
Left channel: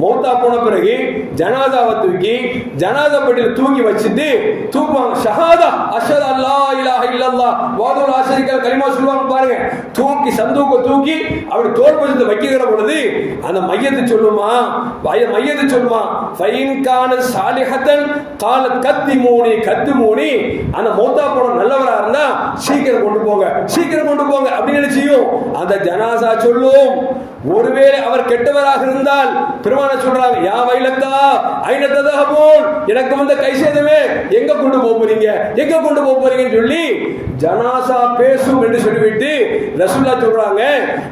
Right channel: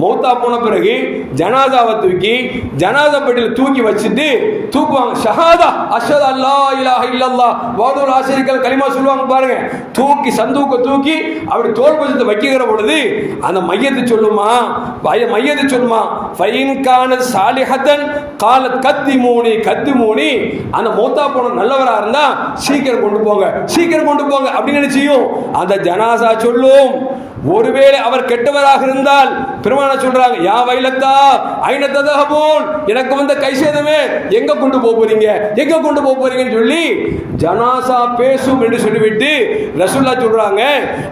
S1: மௌத்தா போன பிறகு ஜனாதாவை தூக்கி ஜனாதா பெட்டியில் தூக்கி வச்சுட்டு தூக்குவாங்க. ஷஹாதா அஷத் அல்லா இலாஹ இல்லல்லா வாதுல் ஆசிரிக்கல் கலிமா சொல்லுவாங்க பாருங்க. தூக்கி சந்தூக்க தூக்கி அப்படி தோல் வைக்கிற பொழுது அந்த மையத்தை சொல்லுமா? பய மையத்தை சொல்லுமா? ஃபைன் கான சாலிஹத்தன் கால கத்தி மூணி கத்தி மூணி அந்த மௌத்தா போன நல்லவரா இருந்தா சீக்கிரம் கொண்டு போங்க. சீக்கிரம் கொண்டு போங்க. அப்படின்னு நினைச்சியும் அந்த ஜனாசா சொல்லும். ஒருவேளை அவர் கெட்டவராக இருந்தால் பெருமான சொல்றாங்க யா வைலத்தா ஐநத்ததாக போல் எனக்கு வந்த கை சேதமே எங்க கொண்டு போக போறீங்க? எங்க கொண்டு போக போறீங்கன்னு சொல்லி ஜனாசா பேசும் என்று சொல்லிவிட்டு ரசுல்லா சொல்றாங்க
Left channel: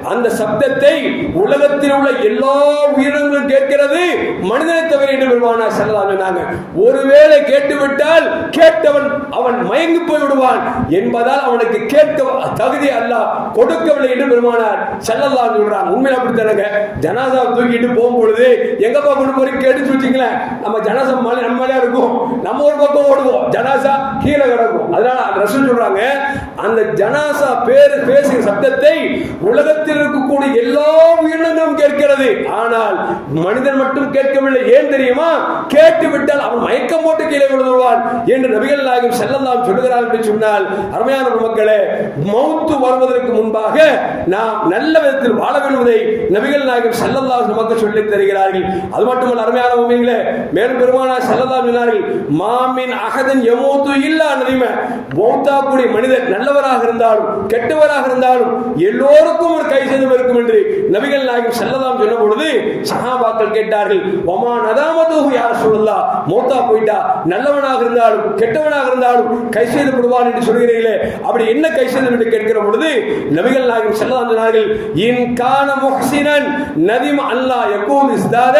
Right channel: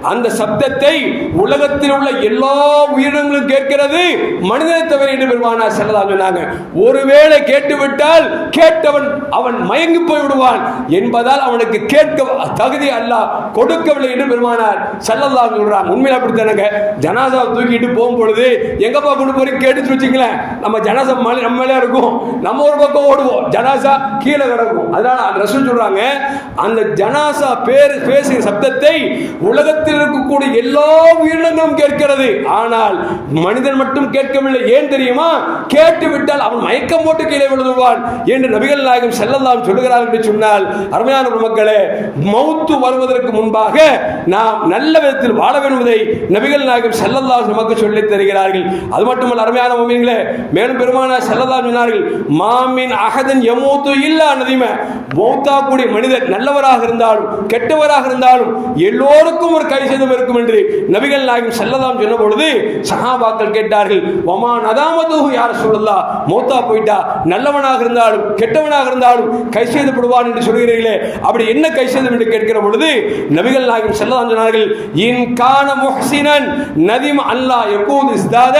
S1: அந்த சப்தத்தை உலகத்தில் உள்ள எல்லா உயிரினங்களும் கேட்கிறது மனிதனை தவிர என்று பெருமானா செல்லதா சொன்னாங்க. ஒருவேளை கேட்டுவிட்டால் கேட்டவன் அவன் மயங்கி போய் விடுவான் என்பதால் அவனுக்கு கேட்க தகுதி அல்ல கொடுக்கவில்லை என்று பெருமானார் செல்லல்லா சொல்றாங்க. உண்மையில அப்படித்தானங்க ஜனாசா தூக்கிட்டு போகும்பொழுது எங்கப்பா கொண்டு போய் கேட்டுச்சு வச்சுங்களேன் நம்ம ஜனாசா மலை நம்ம மேலே இருக்கும். நம்ம ஒரு பக்கம் ஓடுவோம். ஜனாசா கீழே கிடக்கும் அதனால அந்த ரசூல் சொல்றாங்க அந்த ஜனாசா பேர் பேசுகிற சப்தத்தை உலகத்தில் இருக்கக்கூடிய எல்லா உயிரினங்களும் கேட்கிறது. ஆனால் மனிதன் மட்டும் கேட்கவில்லை. ஏன் தெரியுமா? கேட்டு விட்டால் அவன் மயக்கம் போட்டு கீழே விழுந்துவான் என்று நபிகள் நாயகம் செல்லலாம் சொல்லுகிறார் என்று சொன்னால் அருமையான மக்களே மௌத்து வருவதற்கு முன்பாக நாம் நல்ல விதத்தில் வாழ வேண்டுவதை நபிகள் நாயகம் செல்லல்லா நமக்கு சொல்லி தருகிறார்கள். அது மட்டுமல்ல அருமையான உண்மைகளே மேலும் பெருமான செல்லல்லா சொன்னார்கள் மாமின் அகதன் எமூத்து இல்லா நதிமை. பௌத்தா கூடிய மனிதர் நல்லவராக இருந்தாலும் கெட்டவராக இருந்தாலும் எல்லோருக்கும் ஒரு கை சேதம் இருக்கும் என்று நபிகள் நாயகம் செல்லலாம் சொன்ன பொழுது சஹாபாக்கள் கேட்டார்கள் ஒமா நதாமது யார் சொல்லலாம் மௌத்தா போயிட்டா நல்லவனாக இருந்தாலும் கெட்டவனாக இருந்தாலும் கை செய்தப்படுவான் என்று சொல்கிறீர்களே. அப்படி என்ன கை செய்தம் என்று கேட்கிற பொழுது நபிகள் நாயகம் செல்லலாம் சொன்னார்கள் இன் காண முக முஹ்சினன் நதிம் அல்லாஹ் எப்போது இஸ்தாத.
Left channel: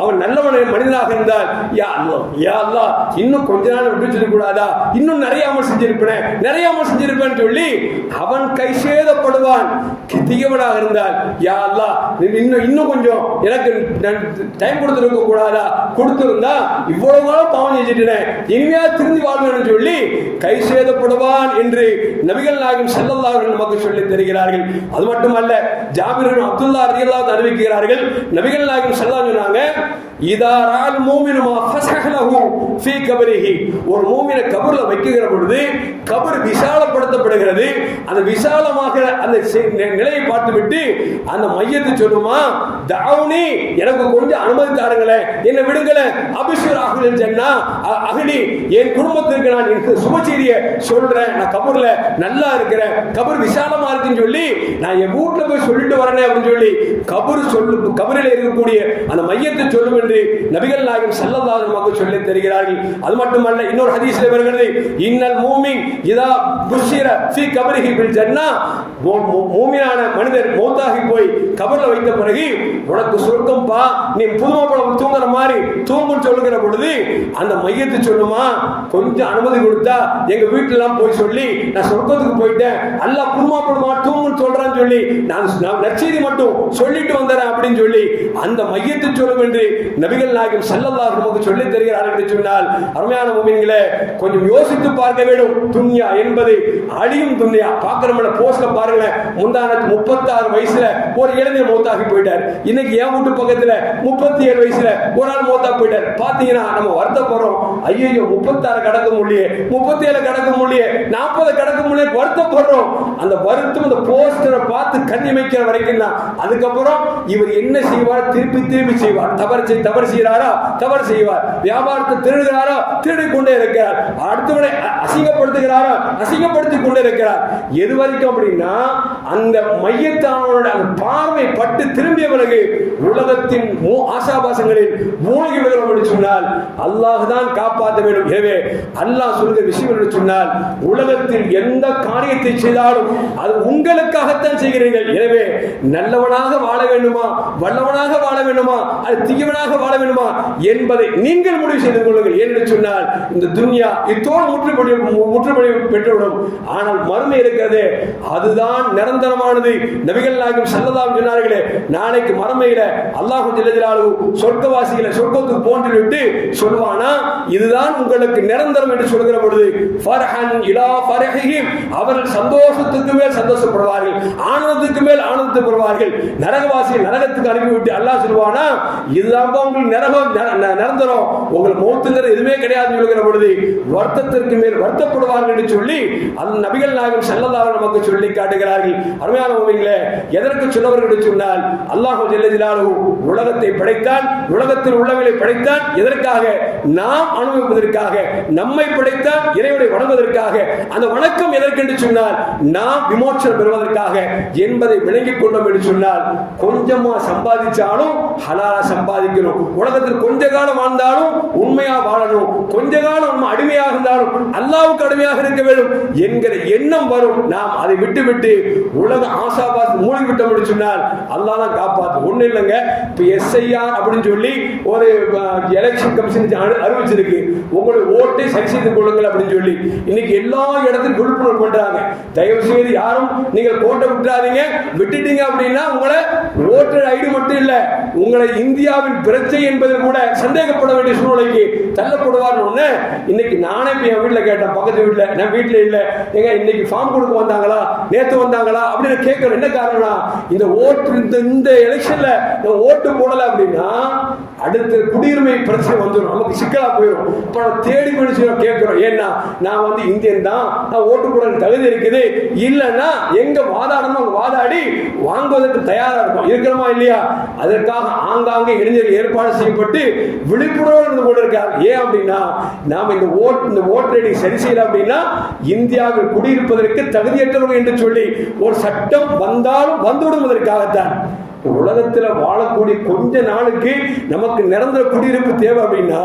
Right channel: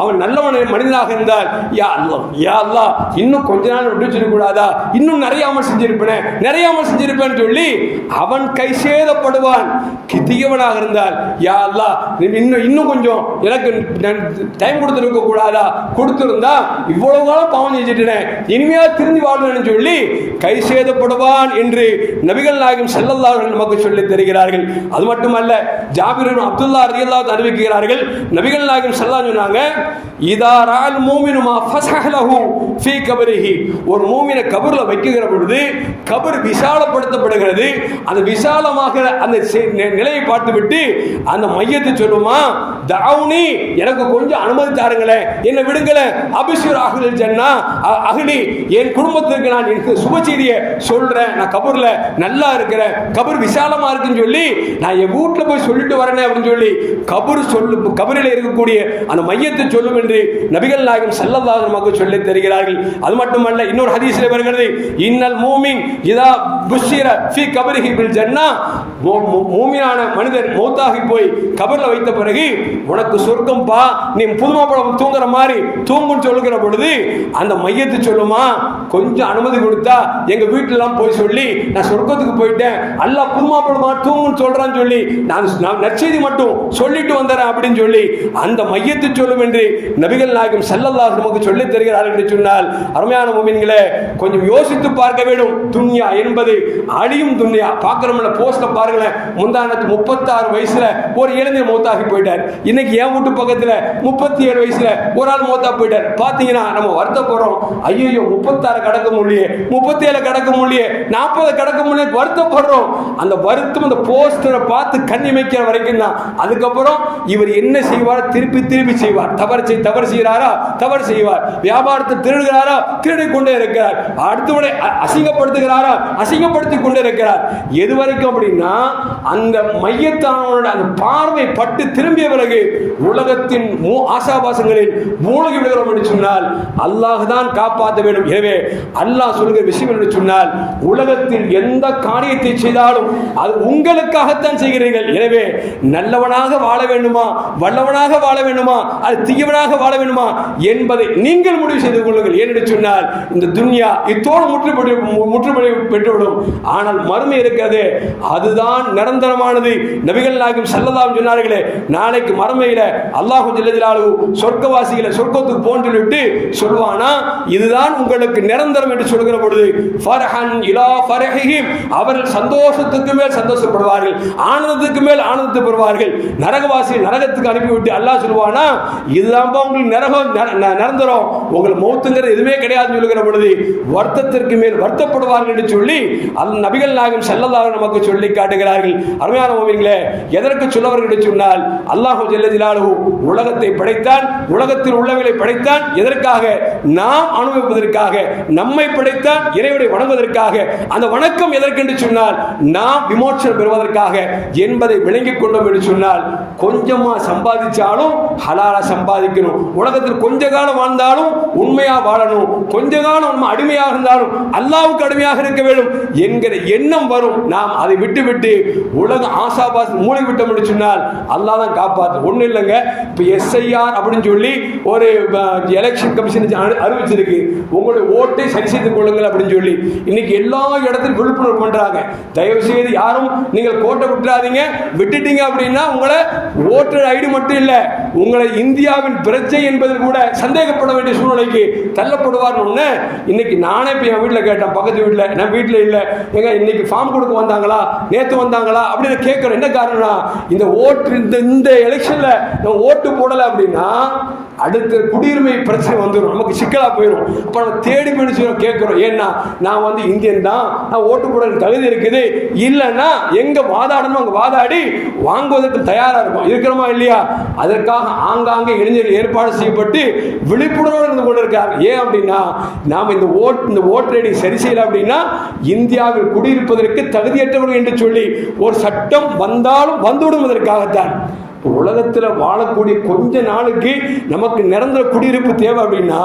S1: அவன் நல்லவன் மனிதனாக இருந்தால் யா அல்லாஹ் யா அல்லாஹ் இன்னும் கொஞ்ச நாள் விட்டு சொல்லக்கூடாதா? இன்னும் நிறைய அமல் செஞ்சிருப்பேன். நிறைய அமல் செஞ்சிருப்பேன் சொல்லி அவன் கை சேதப்படுவான். தீயவனாக இருந்தால் யா அல்லாஹ் இன்னும் இன்னும் கொஞ்சம் எனக்கு டைம் கொடுத்துருக்க கூடாதா? கொடுத்துருந்தா இவ்வளவு காலம் பாவம் செஞ்சுட்டேன். இனிமையா திரும்பி வாழ்வேன் சொல்லி கை சேதப்படுவான் என்று நபிகள் நாயகம் செல்லல்லா நமக்கு சொல்லி தருகிறார்கள். அது மட்டுமல்ல ஜாபிர் அப்துல்லா ரலியல்லாஹு அறிவிக்கிறார்கள். நபிகள் நாயகம் சல்லா சொன்னாங்க இதாரால் மூமினுமா ஃபசஹலஹு ஃபீ கபரிஹி ஒரு மூமினை கபர்ல வைக்கிற பொழுது கபர் விசாலப்படுத்தப்படுகிறது. அந்த விசாலமாக அந்த நிலையை பார்த்துவிட்டு அந்த மையத்தை சொல்லுமா தவுனி எனக்கு கொஞ்சம் அனுமதி தாருங்களேன் என்னை விடுங்களேன் அபிஷர் அகுலில் சொன்னா அ- என் குடும்பத்திற்கு நான் எனக்கு சுப சொல்றேன் நான் கபூர்ல நல்லா இருக்கிறேன் கபர் விசாலமா இருக்குன்னு சொல்லி நான் என் வீட்டில் போய் சொல்லிட்டு வரேன் அப்படின்னு சொல்லி கபூர் சொல்லு கபரில் இருக்கக்கூடிய அந்த மையத்தை சொல்லுவேன் என்று
S2: நபிகள் நாயகம் சல்லல்லாஹு நமக்கு சொல்லித் தருகிறார்கள். அது மட்டுமல்ல இன்னொரு ஹதீஸில் வருகிறது. இன்னல் மூமின் இதா புஷிர ஃபி கபரிஹி பில் ஜன்னா. மூமினான மனிதர் மௌத்தாகி போய் கபர்ல வைத்த பிறகு உனக்கு சொர்க்கம் பா நீ புதுமாப்பழம் தூங்குற மாதிரி தூங்குன்னு சொல்லுகிற பொழுது அந்த மையத்தை சொல்லுமா கொஞ்சம் அனுமதி கொடுத்தா எங்க வீட்டுல எல்லாம் போய் சொல்லி நான் சொர்க்கத்துக்கு போயிட்டேன். அல்ல புதுமா படமா தூங்குன்னு சொல்றான்னு சொல்லி நான் நான் நற்செய்தி மட்டும் சொல்லிட்டு வந்துறேன் அப்படின்னு சொல்லி அந்த மையத்தை சொல்லும் என்று நபிகள் நாயகம் சல்லல்லா நமக்கு சொல்லி தருகிறார்கள் என்று சொன்னால் அருமையான மூமின்களே கொஞ்சம் யோசித்து பார்க்க வேண்டும். துன்யா என்பது அழியும் துன்யா. பார்க்கிறோம்ல போஸ்ட பாருங்களேன். முந்தானத்து முப்பத்தாறு வயசுல ஒரு இளைஞர் மூத்தாகி போயிட்டார். இன்னைக்கு என் வீட்டு பக்கத்துல முப்பத்தி ஏழு வயசுல ஒரு ஆள் மூத்தா போயிட்டார். பாத்தீங்கன்னா நம்ம வருத்தப்படுறோம். ஐயோ முப்பத்தாறு கடக்க முடியே முப்பத்தி ஏழு கடக்க முடியே நாற்பது கடக்க முடியே வருத்தப்படுறோம். அந்த வருத்தம் அந்த போஸ்டரை பார்த்து கண்ணி வைக்கிற வரைக்கும் தான். அதுக்கப்புறம் இவர் என்ன செய்வார்? திருப்பி திருப்பி செய்வார். தவறு செய்த தவறு செய்கிறாரா? தவறு செய்வார். வியாபாரத்தை திருடுகிறாரா? திருடி கொண்டே இருக்கிறார். அடுத்தவனை அசிங்கப்படுத்துகிறாரா? அசிங்கப்படுத்தி கொண்டே இருக்கிறார். எது வரைக்கும் அப்படின்னா அந்த மையத்தானவனோட அந்த பார்வை பட்டு திரும்பிய பிறகு உலகத்தின் மூ- ஆசாபாசங்களில் மூழ்கி விடுகிறோம் என்று சொன்னால் அல்லாஹ் தான் காப்பாற்ற வேண்டும். எனவே அல்லாஹ் சொல்கிற விஷயம் என்று சொன்னால் உலகத்தில் எந்த காரியத்தை செய்தாலும் அது உங்களுக்காகத்தான் செய்கிறீர்கள். எனவே நல்லவனாக வாழ வேண்டுமா? வல்லவனாக வாழ வேண்டுமா? அது தீயவனாக வாழ வேண்டுமா என்பதை நீங்கள் முடிவு செய்து கொள்ளுங்கள். ஏனென்று சொன்னால் இந்த துன்யா இத்தோடு முற்றுப்படி முற்றுப்படி பெற்றுவிடும். ஆனால் மறுமை இருக்கிறது அதுதான் நிரந்தரமானது. நபிகள் நாயகம் செல்லதாம் சொன்னார்களே நாளைக்கு மறுமையில அல்லாஹு ஜெல்லஜலாலு சொர்க்கவாசிகளை சொர்க்கத்துக்கு போன்று விட்டு சொல்வானா இதுதான் உங்களுக்கு நிரந்தரம் என்று சொல்கிற பொழுது ஃபர்ஹன் இலா ஃபர்ஹிஹிம். அவர்கள் சந்தோஷத்துக்கு மேல் சந்தோஷப்படுவார்கள் ஆனந்தத்துக்கு மேல் ஆனந்தத்தை பெறுவார்கள். நரகவாசி நரகத்துக்கு அனுப்பிவிட்டு அல்லாஹ் சொல்வானா அதெல்லாம் உங்களுக்கு நரகம் நிரந்தரம். உங்களுக்கு மௌத்துங்கிறது எதுவுமே கிடையாதுன்னு சொல்லுகிற பொழுது வருத்தத்திற்கு மேல் வருத்தப்படுவார்கள் என்று சொல்லி அந்த நபிகள் நாயகம் செல்லதாக நமக்கு சொல்லி காட்டுகிறார்கள். அருமையான மோமிங்களே எதற்கு சொல்லவர்கள் என்று சொன்னால் அல்லாஹு ஜெல்லதிலாலு உலகத்தை படைத்தான் உலகத்தில் உள்ளவர்களை படைத்தான் எதற்காக? நாம் அனுபவிப்பதற்காக நம்மை படைத்தான் இறைவனை வணங்குவதற்காக. அந்த வணக்கம் எதற்கென்று சொன்னால் நாம் விமோச்சனம் பெறுவதற்காக என்பதை விளங்கிக் கொண்டோம் என்று சொன்னால் கொஞ்சமா சம்பாதிச்சாலும் ஹலால சம்பாதிக்கணும். உலகத்தில் கொஞ்ச காலம் வாழ்ந்தாலும் உண்மையா வாழணும். கொஞ்ச காலம் நம்ம அடிமையாக இருந்தாலும் அல்லாவுக்கு அடிமையாக இருக்க வேண்டும் என்கிற எண்ணம் வரும். நாம் அதை விட்டு விட்டு உலக ஆசாபாஸ் மூழ்கி விட்டோம் என்று சொன்னால் அல்லாஹ் தான் காப்பாத்து ஒன்றும் இல்லைங்க. இப்போ எஸ்ஐஆர் அப்படின்னு சொல்லி ஒரு எலெக்ஷன் கமிஷன் அறிவிச்சிருக்கு. உங்களுடைய ஓட்டை சரி செய்து கொள்ளுங்கள் அப்படின்னு சொல்லி. இன்னைக்கு எல்லா இடத்திலும் விழிப்புணர்வு பண்றாங்க. தயவு செய்து யாரும் நீங்கள் கோட்டை விட்டுறாதீங்க. விட்டுட்டீங்க அப்படின்னா உங்களை ஓட்டர் ஐடி மட்டும் இல்லை. உங்களை இந்தியாவின் பிரச்சனை என்பதில் கூட சந்தேகப்பட வேண்டிய சூழ்நிலைக்கு தள்ளப்படுவார்னு ஒன்று இன்னைக்கு நானே இப்போ என் வீட்டில் கேட்டேன். பக்கத்து வீட்டில் நான் வீட்டில் இல்லை? எங்க இன்னைக்கு ஃபார்ம் கொடுக்க வந்தாங்களா? நேற்று வந்தாங்களா? அப்படின்னு கேட்குறேன். என்ன காரணம்னா இந்த ஓட்டு இந்த இந்த எலெக்ஷனில் நான் ஓட்டு போடலை அப்படின்னா அடுத்த குடியுரிமை பிரச்சனை வந்துடும் நமக்கு சிக்கலாக போயிடும் இப்போ நம்ம தேடி மனுஷன் கேட்குறோம். ஏன்னா நான் வந்து இந்தியன் தான். நான் ஓட்டு போட தகுதி இருக்குது. இல்லைன்னா எங்கே வாதாடணுமோ அங்கே வாதாடி வாங்குவதற்கு தயாராக இருக்கும் இருக்கிறோமா இல்லையா? அதற்காக ஆங்காங்கே இளைஞர்கள் ஏற்பாடு செய்யப்பட்டு விழிப்புணர்வு இருந்து கொண்டிருக்காங்க ஏன் அப்படின்னா நாம் இந்த ஓட் இந்த ஓட்டு ஐடி சரி செய்யலை அப்படின்னா இந்தியாவில் குடியிருப்பதற்கு தகுதியற்றவர்கள் என்று சொல்லி ஒரு சட்டம் வந்தாலும் வந்துவிடுவதற்காகத்தான் உலகத்தில் வாழக்கூடிய கொஞ்ச நாளுக்கு நமக்கு நிரந்தர குடியிருப்பு தேவை அப்படின்னா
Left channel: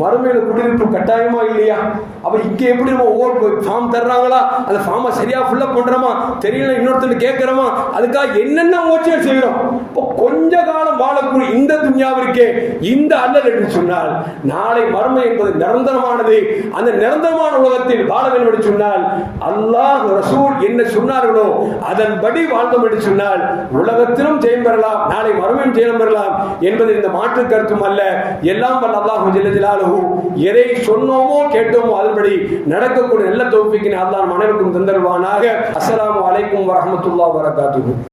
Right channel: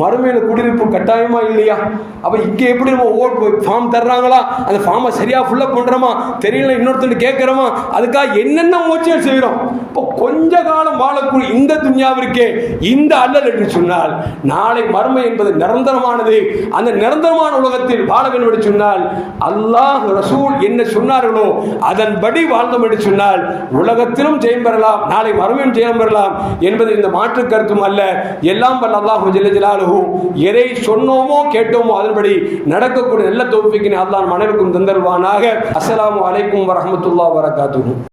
S2: மறுமையில குடியிருப்பு கட்டாயமா இல்லையா? அப்ப இங்க எப்படி நம்ம ஓட் ஃபார்ம் தர்றாங்களா? அந்த ஃபார்மை சரியா ஃபுல்லப் பண்றோமா? தெரியல இன்னொருத்தர் கேட்கிறோமா? அதுக்காக என்னென்ன முயற்சிகள் செய்யறோம்? இப்போ கொஞ்ச காலம் வாழக்கூடிய இந்த துன்யாவிற்கே இந்த அல்லல் என்று சொன்னால் நாளை மர்மை என்பது நிரந்தரமானது. அந்த நிரந்தரமான உலகத்தில் வாழ வேண்டும் என்று சொன்னால் அல்லாஹ் ரசூல் என்ன சொன்னார்களோ அதன்படி வாழ்ந்தோம் என்று சொன்னால் உலகத்திலும் ஜெயம் பெறலாம் நாளை மறுமையும் ஜெயம் பெறலாம் என்பது இந்த மாற்று கருத்தும் அல்ல. எல்லாம் வல்ல அல்லாஹ் ஜெல்லஜலாலுஹு எதை சொன்னோமோ கேட்டோமோ அதன்படி நடக்கக்கூடிய நல்ல தோப்பிக்கின் அல்லாஹ் மனைவிக்கும் தந்தருவானாக அஸ்லாம் வலைக்கும் வரமத்துல்லா வரகாத்து